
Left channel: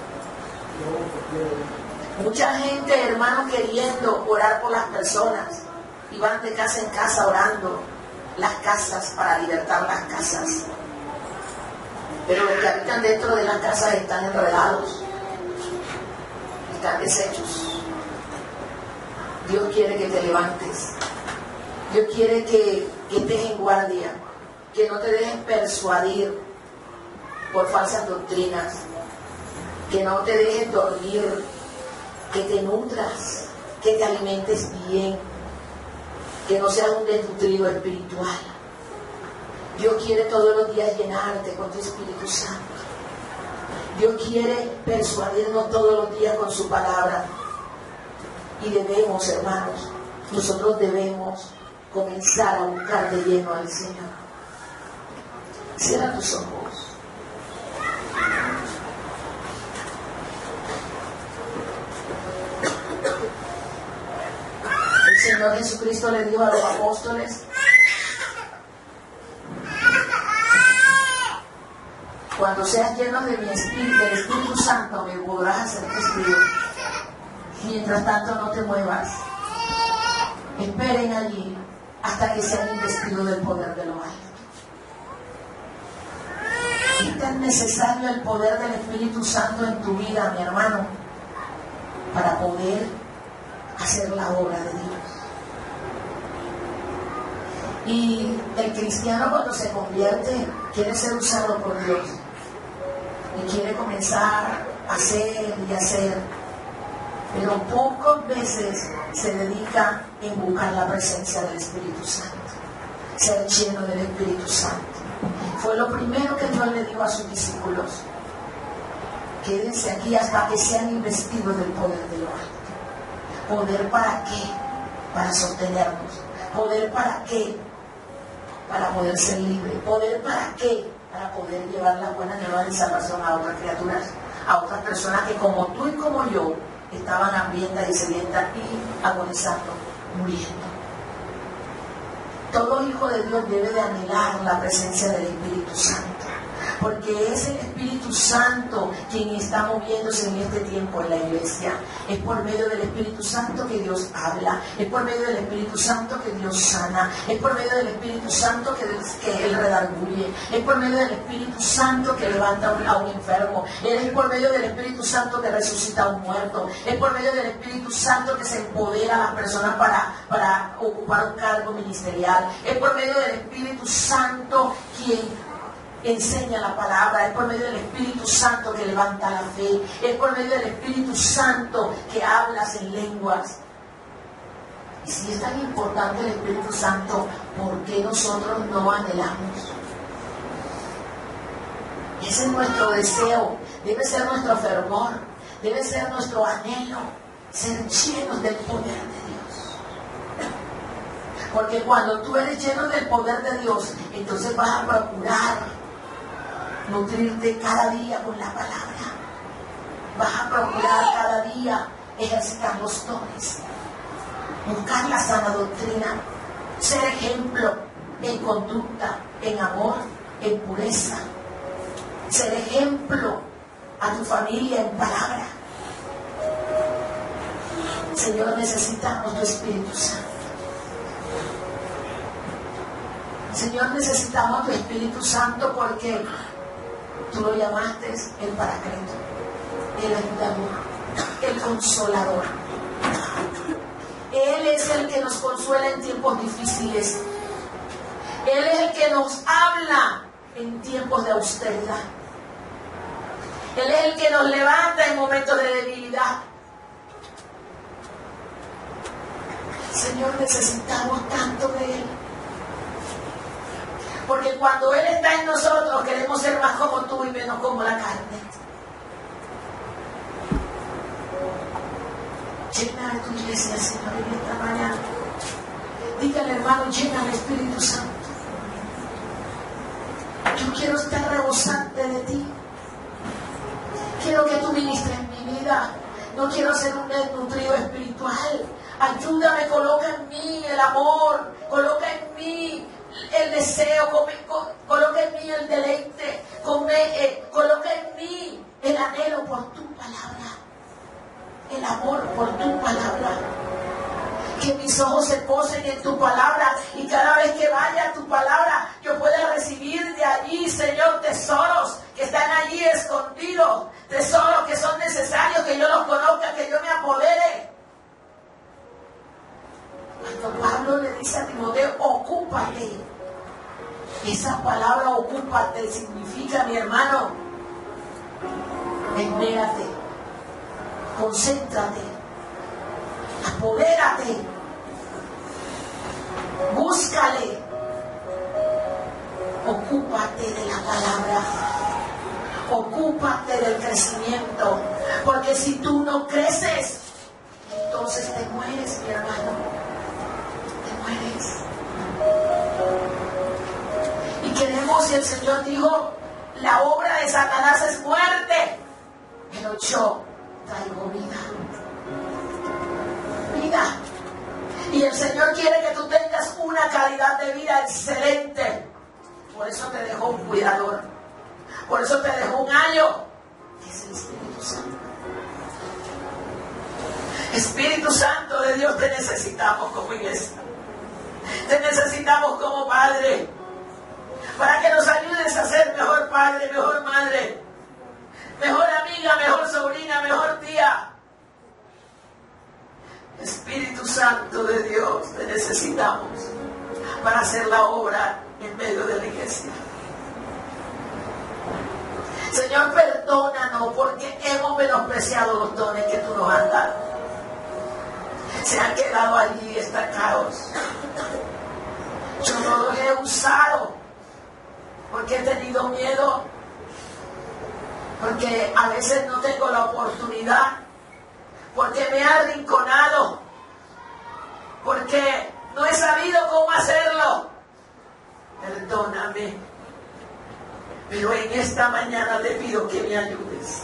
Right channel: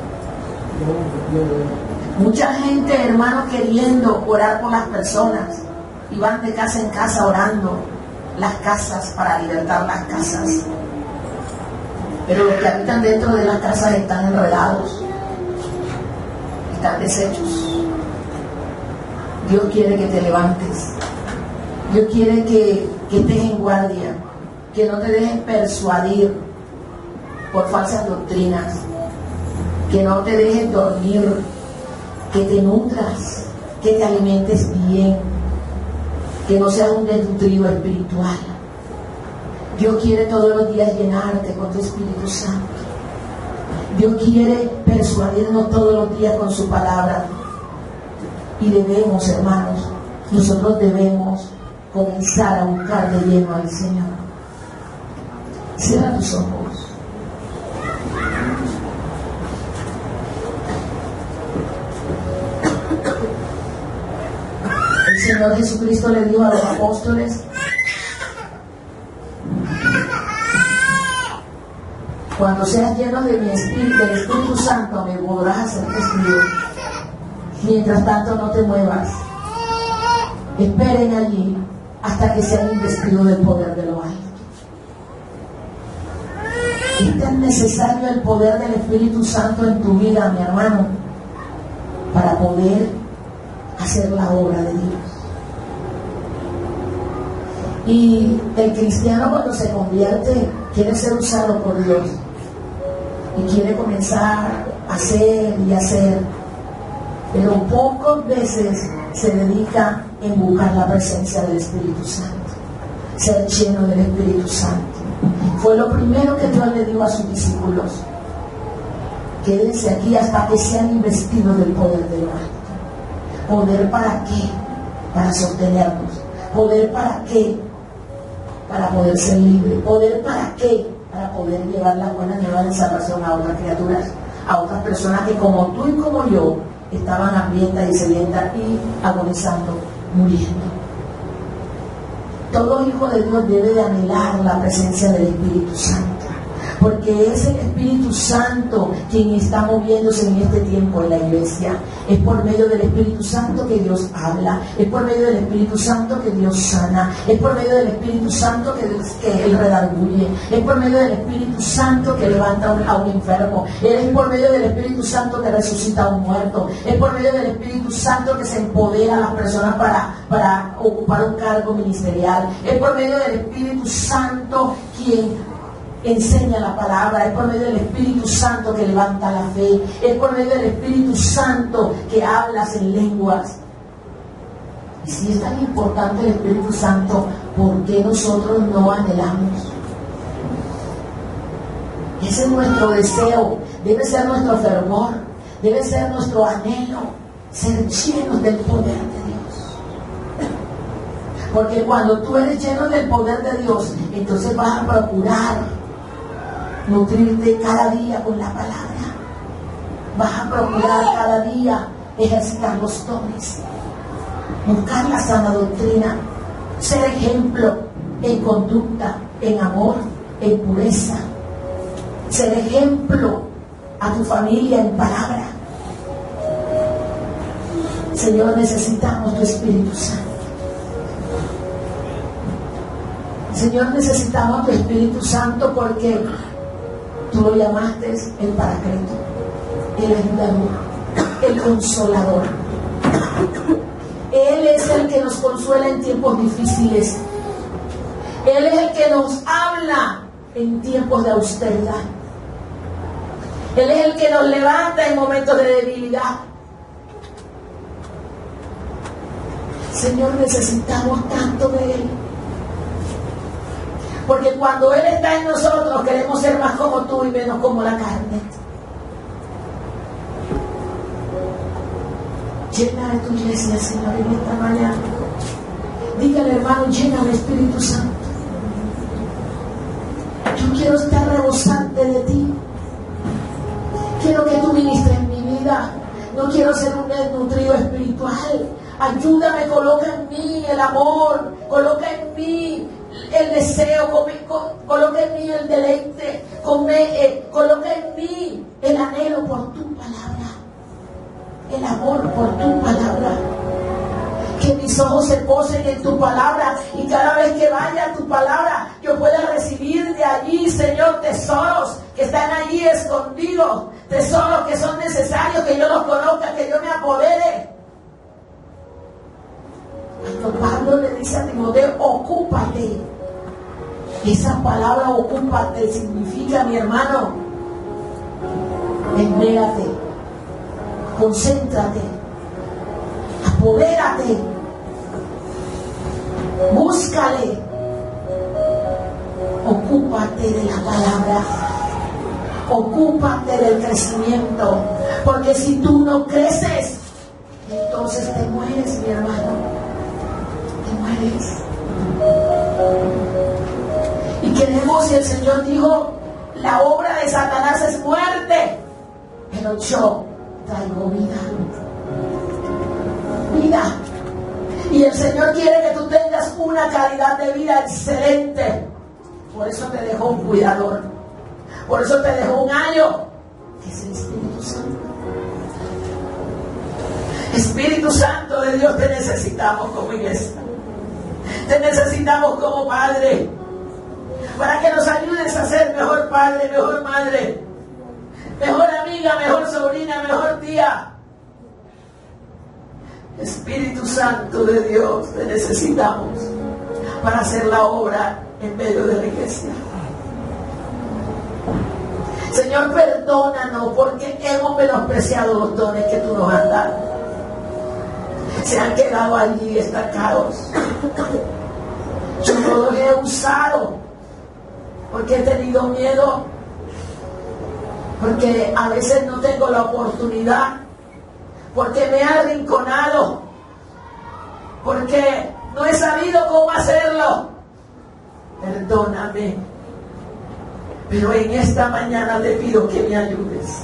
Mucha gente, hermano, queriendo orar por las personas y van de casa en casa orando las casas para libertar las casas. Pero los que habitan dentro de las casas están enredados, están deshechos. Dios quiere que te levantes. Dios quiere que estés en guardia, que no te dejes persuadir por falsas doctrinas, que no te dejes dormir, que te nutras, que te alimentes bien, que no seas un desnutrido espiritual. Dios quiere todos los días llenarte con tu Espíritu Santo. Dios quiere persuadirnos todos los días con su palabra. Y debemos, hermanos, nosotros debemos comenzar a buscar de lleno al Señor. Cierra tus ojos. El Señor Jesucristo le dijo a los apóstoles: cuando seas llenos de mi espíritu, del Espíritu Santo, me podrás hacer testigo. Mientras tanto, no te muevas. Esperen allí hasta que sean investidos del poder de lo alto. Es tan necesario el poder del Espíritu Santo en tu vida, mi hermano, para poder hacer la obra de Dios. Y el cristiano, cuando se convierte, quiere ser usado por Dios y quiere comenzar a hacer y hacer, pero pocas veces se dedica en buscar la presencia del Espíritu Santo, ser lleno del Espíritu Santo. Fue lo primero que Dios le dijo a sus discípulos: quédense aquí hasta que sean investidos del poder de lo alto. ¿Poder para qué? Para sostenernos. ¿Poder para qué? Para poder ser libre. ¿Poder para qué? Para poder llevar la buena nueva de salvación a otras criaturas, a otras personas que, como tú y como yo, estaban hambrientas y sedientas y agonizando, muriendo. Todo hijo de Dios debe de anhelar la presencia del Espíritu Santo, porque es el Espíritu Santo quien está moviéndose en este tiempo en la iglesia. Es por medio del Espíritu Santo que Dios habla, es por medio del Espíritu Santo que Dios sana, es por medio del Espíritu Santo que Él redarguye, es por medio del Espíritu Santo que levanta a un enfermo, es por medio del Espíritu Santo que resucita a un muerto, es por medio del Espíritu Santo que se empodera a las personas para ocupar un cargo ministerial, es por medio del Espíritu Santo quien enseña la palabra, es por medio del Espíritu Santo que levanta la fe, es por medio del Espíritu Santo que hablas en lenguas. Y si es tan importante el Espíritu Santo, ¿por qué nosotros no anhelamos? Ese es nuestro deseo, debe ser nuestro fervor, debe ser nuestro anhelo, ser llenos del poder de Dios. Porque cuando tú eres lleno del poder de Dios, entonces vas a procurar nutrirte cada día con la palabra. Vas a procurar cada día ejercitar los dones, buscar la sana doctrina, ser ejemplo en conducta, en amor, en pureza, ser ejemplo a tu familia en palabra. Señor, necesitamos tu Espíritu Santo. Señor, necesitamos tu Espíritu Santo porque tú lo llamaste el Paracleto, el ayudador, el consolador. Él es el que nos consuela en tiempos difíciles. Él es el que nos habla en tiempos de austeridad. Él es el que nos levanta en momentos de debilidad. Señor, necesitamos tanto de Él. Porque cuando Él está en nosotros, queremos ser más como tú y menos como la carne. Llena de tu iglesia, Señor, en esta mañana. Dígale, hermano, lléname, Espíritu Santo. Yo quiero estar rebosante de ti. Quiero que tú ministres en mi vida. No quiero ser un desnutrido espiritual. Ayúdame, coloca en mí el amor, coloca en mí el deseo, coloca en mí el deleite, coloca en mí el anhelo por tu palabra, el amor por tu palabra. Que mis ojos se posen en tu palabra y cada vez que vaya a tu palabra yo pueda recibir de allí, Señor, tesoros que están allí escondidos, tesoros que son necesarios que yo los conozca, que yo me apodere. Cuando Pablo le dice a Timoteo, ocúpate, esa palabra ocúpate significa, mi hermano, enmérate, concéntrate, apodérate, búscale, ocúpate de la palabra. Ocúpate del crecimiento. Porque si tú no creces, entonces te mueres, mi hermano. Te mueres. Y queremos, y el Señor dijo, la obra de Satanás es muerte, pero yo traigo vida. Vida. Y el Señor quiere que tú tengas una calidad de vida excelente. Por eso te dejó un cuidador. Por eso te dejó un ayo, que es el Espíritu Santo. Espíritu Santo de Dios, te necesitamos como iglesia. Te necesitamos como padre. Para que nos ayudes a ser mejor padre, mejor madre, mejor amiga, mejor sobrina, mejor tía. Espíritu Santo de Dios, te necesitamos para hacer la obra en medio de la iglesia. Señor, perdónanos porque hemos menospreciado los dones que tú nos has dado. Se han quedado allí estancados. Yo no los he usado porque he tenido miedo, porque a veces no tengo la oportunidad, porque me he arrinconado, porque no he sabido cómo hacerlo. Perdóname, pero en esta mañana te pido que me ayudes.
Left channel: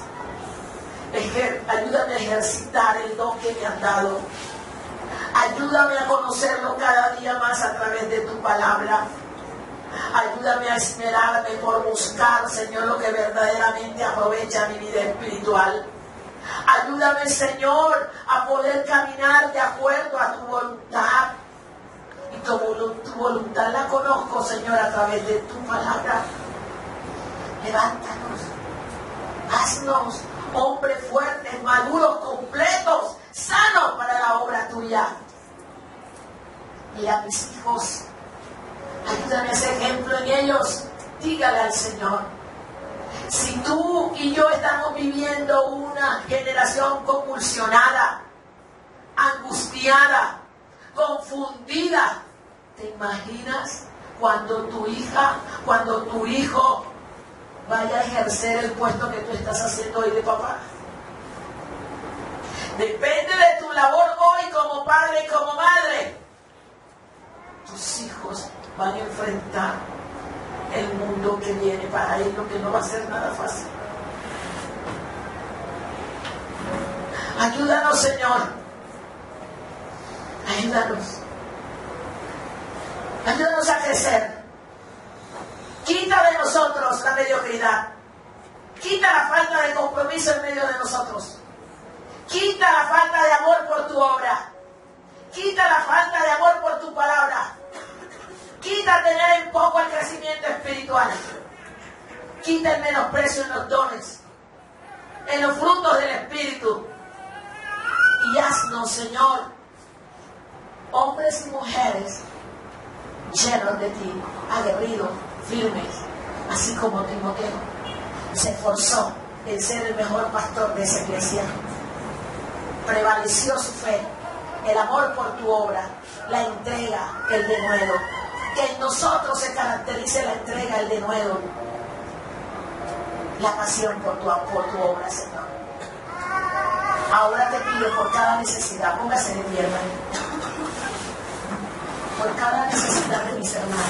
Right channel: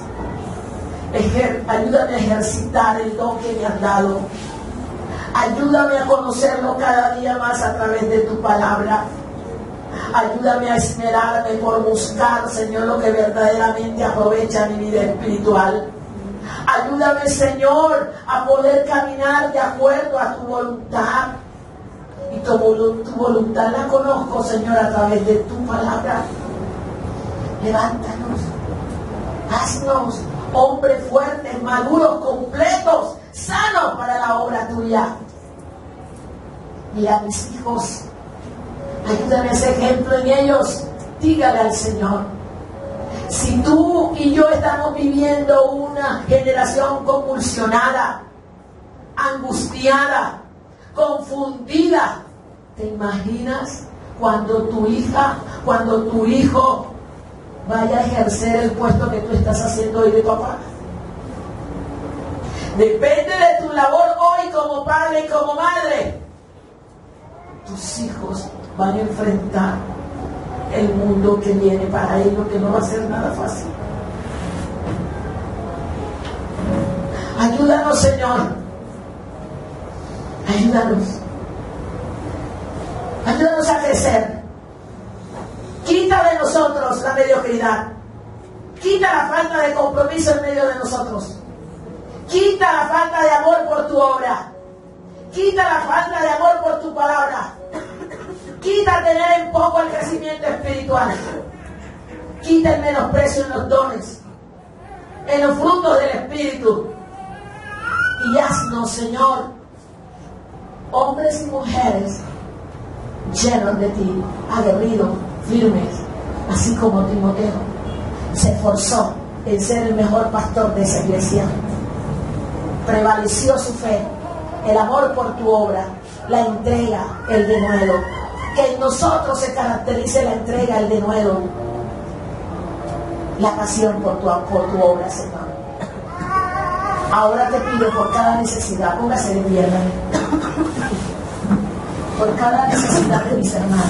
Ayúdame a ejercitar el don que me has dado. Ayúdame a conocerlo cada día más a través de tu palabra. Ayúdame a esmerarme por buscar, Señor, lo que verdaderamente aprovecha mi vida espiritual. Ayúdame, Señor, a poder caminar de acuerdo a tu voluntad. Y tu voluntad la conozco, Señor, a través de tu palabra. Levántanos, haznos hombres fuertes, maduros, completos, sanos para la obra tuya. Y a mis hijos, ayúdame a ser ejemplo en ellos. Dígale al Señor, si tú y yo estamos viviendo una generación convulsionada, angustiada, confundida, ¿te imaginas cuando tu hija, cuando tu hijo vaya a ejercer el puesto que tú estás haciendo hoy de papá? Depende de tu labor hoy como padre y como madre. Tus hijos van a enfrentar el mundo que viene para ellos, que no va a ser nada fácil. Ayúdanos, Señor. Ayúdanos. Ayúdanos a crecer. Quita de nosotros la mediocridad. Quita la falta de compromiso en medio de nosotros. Quita la falta de amor por tu obra. Quita la falta de amor por tu palabra. Quita tener en poco el crecimiento espiritual. Quita el menosprecio en los dones, en los frutos del Espíritu. Y haznos, Señor, hombres y mujeres llenos de ti, aguerridos, firmes, así como Timoteo se esforzó en ser el mejor pastor de esa iglesia. Prevaleció su fe, el amor por tu obra, la entrega, el denuedo. Que en nosotros se caracterice la entrega, el denuedo, la pasión por tu obra, Señor. Ahora te pido por cada necesidad, póngase de pie, hermano, por cada necesidad de mis hermanos.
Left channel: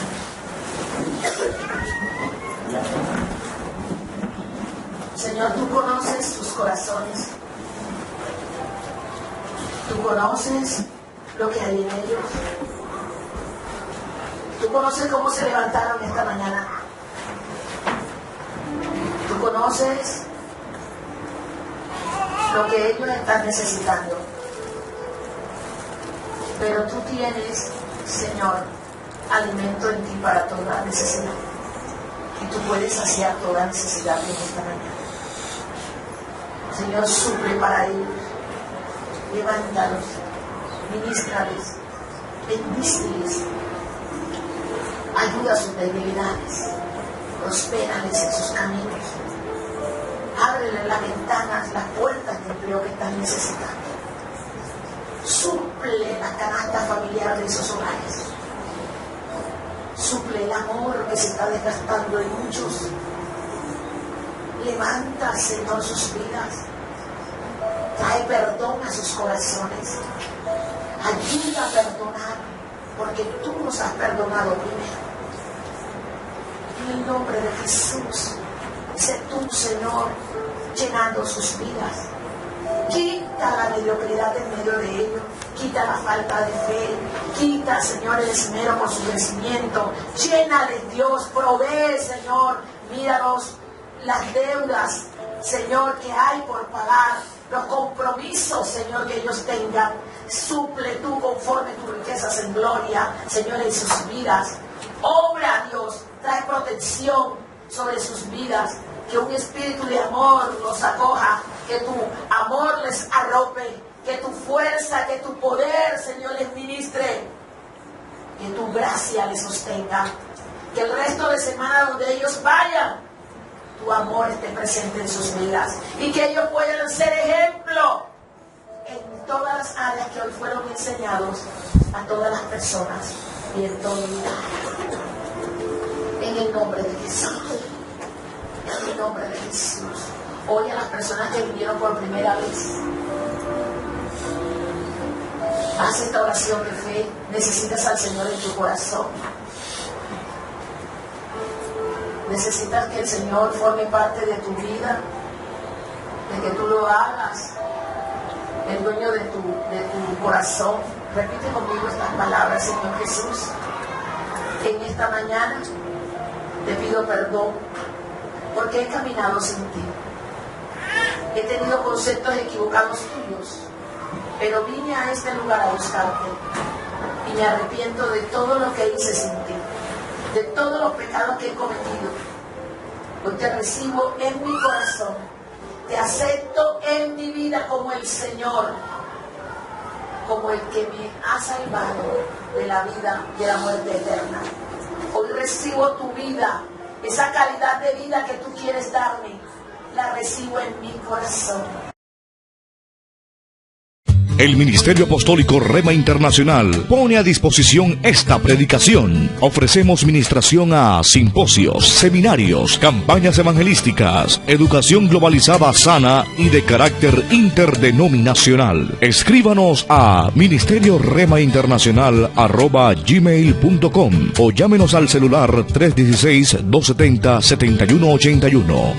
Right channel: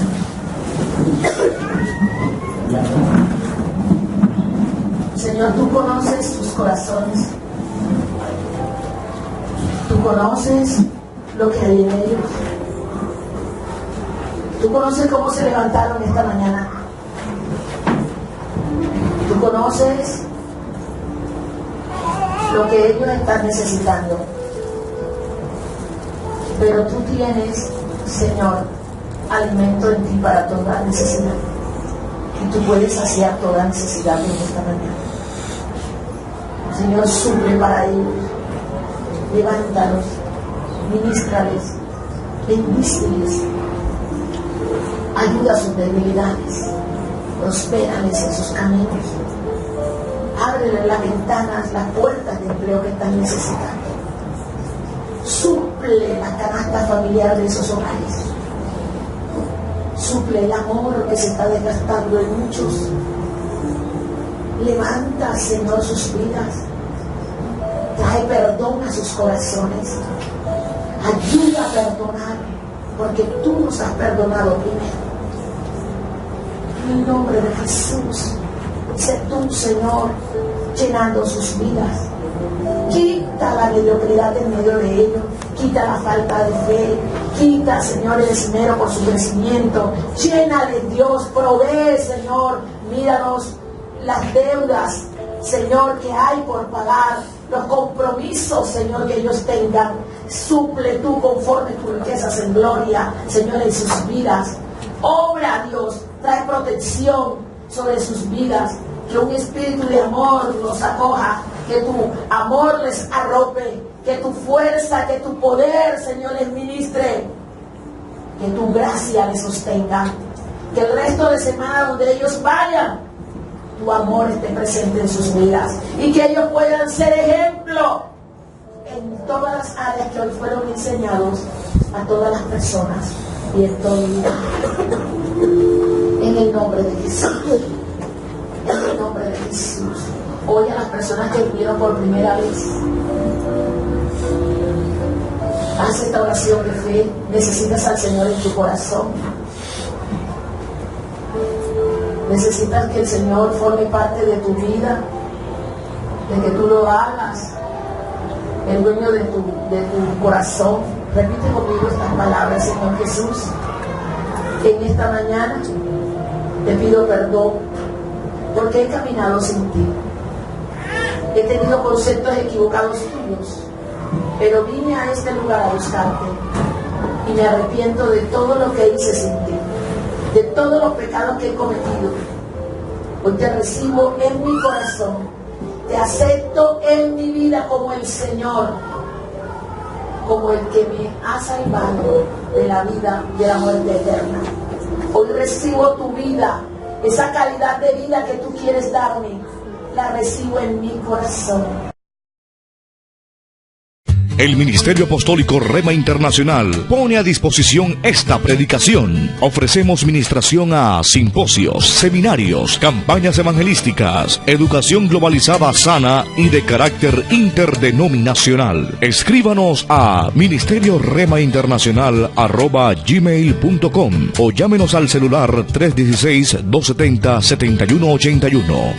Señor, tú conoces sus corazones. Tú conoces lo que hay en ellos. Tú conoces cómo se levantaron esta mañana. Tú conoces lo que ellos están necesitando. Pero tú tienes, Señor, alimento en ti para toda necesidad. Y tú puedes saciar toda necesidad en esta mañana. Señor, suple para ellos. Levántalos, ministrales, bendíceles. Ayuda a sus debilidades, prospérales en sus caminos, ábrele las ventanas, las puertas de empleo que están necesitando, suple la canasta familiar de esos hogares, Suple el amor que se está desgastando en muchos. Levanta, Señor, sus vidas. Trae perdón a sus corazones. Ayuda a perdonar, porque tú nos has perdonado primero. En el nombre de Jesús, sé tú, Señor, llenando sus vidas. Quita la mediocridad en medio de ellos. Quita la falta de fe. Quita, Señor, el esmero por su crecimiento. Llénale, Dios. Provee, Señor. Míranos las deudas, Señor, que hay por pagar. Los compromisos, Señor, que ellos tengan. Suple tú conforme tus riquezas en gloria, Señor, en sus vidas. Obra, Dios. Trae protección sobre sus vidas. Que un espíritu de amor los acoja. Que tu amor les arrope. Que tu fuerza, que tu poder, Señor, les ministre. Que tu gracia les sostenga. Que el resto de semana donde ellos vayan, tu amor esté presente en sus vidas. Y que ellos puedan ser ejemplo en todas las áreas que hoy fueron enseñados a todas las personas y en todo el mundo. En el nombre de Jesús. En el nombre de Jesús. Hoy a las personas que vinieron por primera vez, haz esta oración de fe. Necesitas al Señor en tu corazón. Necesitas que el Señor forme parte de tu vida, de que tú lo hagas, el dueño de tu corazón. Repite conmigo estas palabras: Señor Jesús, en esta mañana te pido perdón porque he caminado sin ti. He tenido conceptos equivocados tuyos, pero vine a este lugar a buscarte y me arrepiento de todo lo que hice sin ti, de todos los pecados que he cometido. Hoy te recibo en mi corazón, te acepto en mi vida como el Señor, como el que me ha salvado de la vida y de la muerte eterna. Hoy recibo tu vida, esa calidad de vida que tú quieres darme, la recibo en mi corazón. El Ministerio Apostólico Rema Internacional pone a disposición esta predicación. Ofrecemos ministración a simposios, seminarios, campañas evangelísticas, educación globalizada sana y de carácter interdenominacional. Escríbanos a ministerioremainternacional@gmail.com o llámenos al celular 316-270-7181.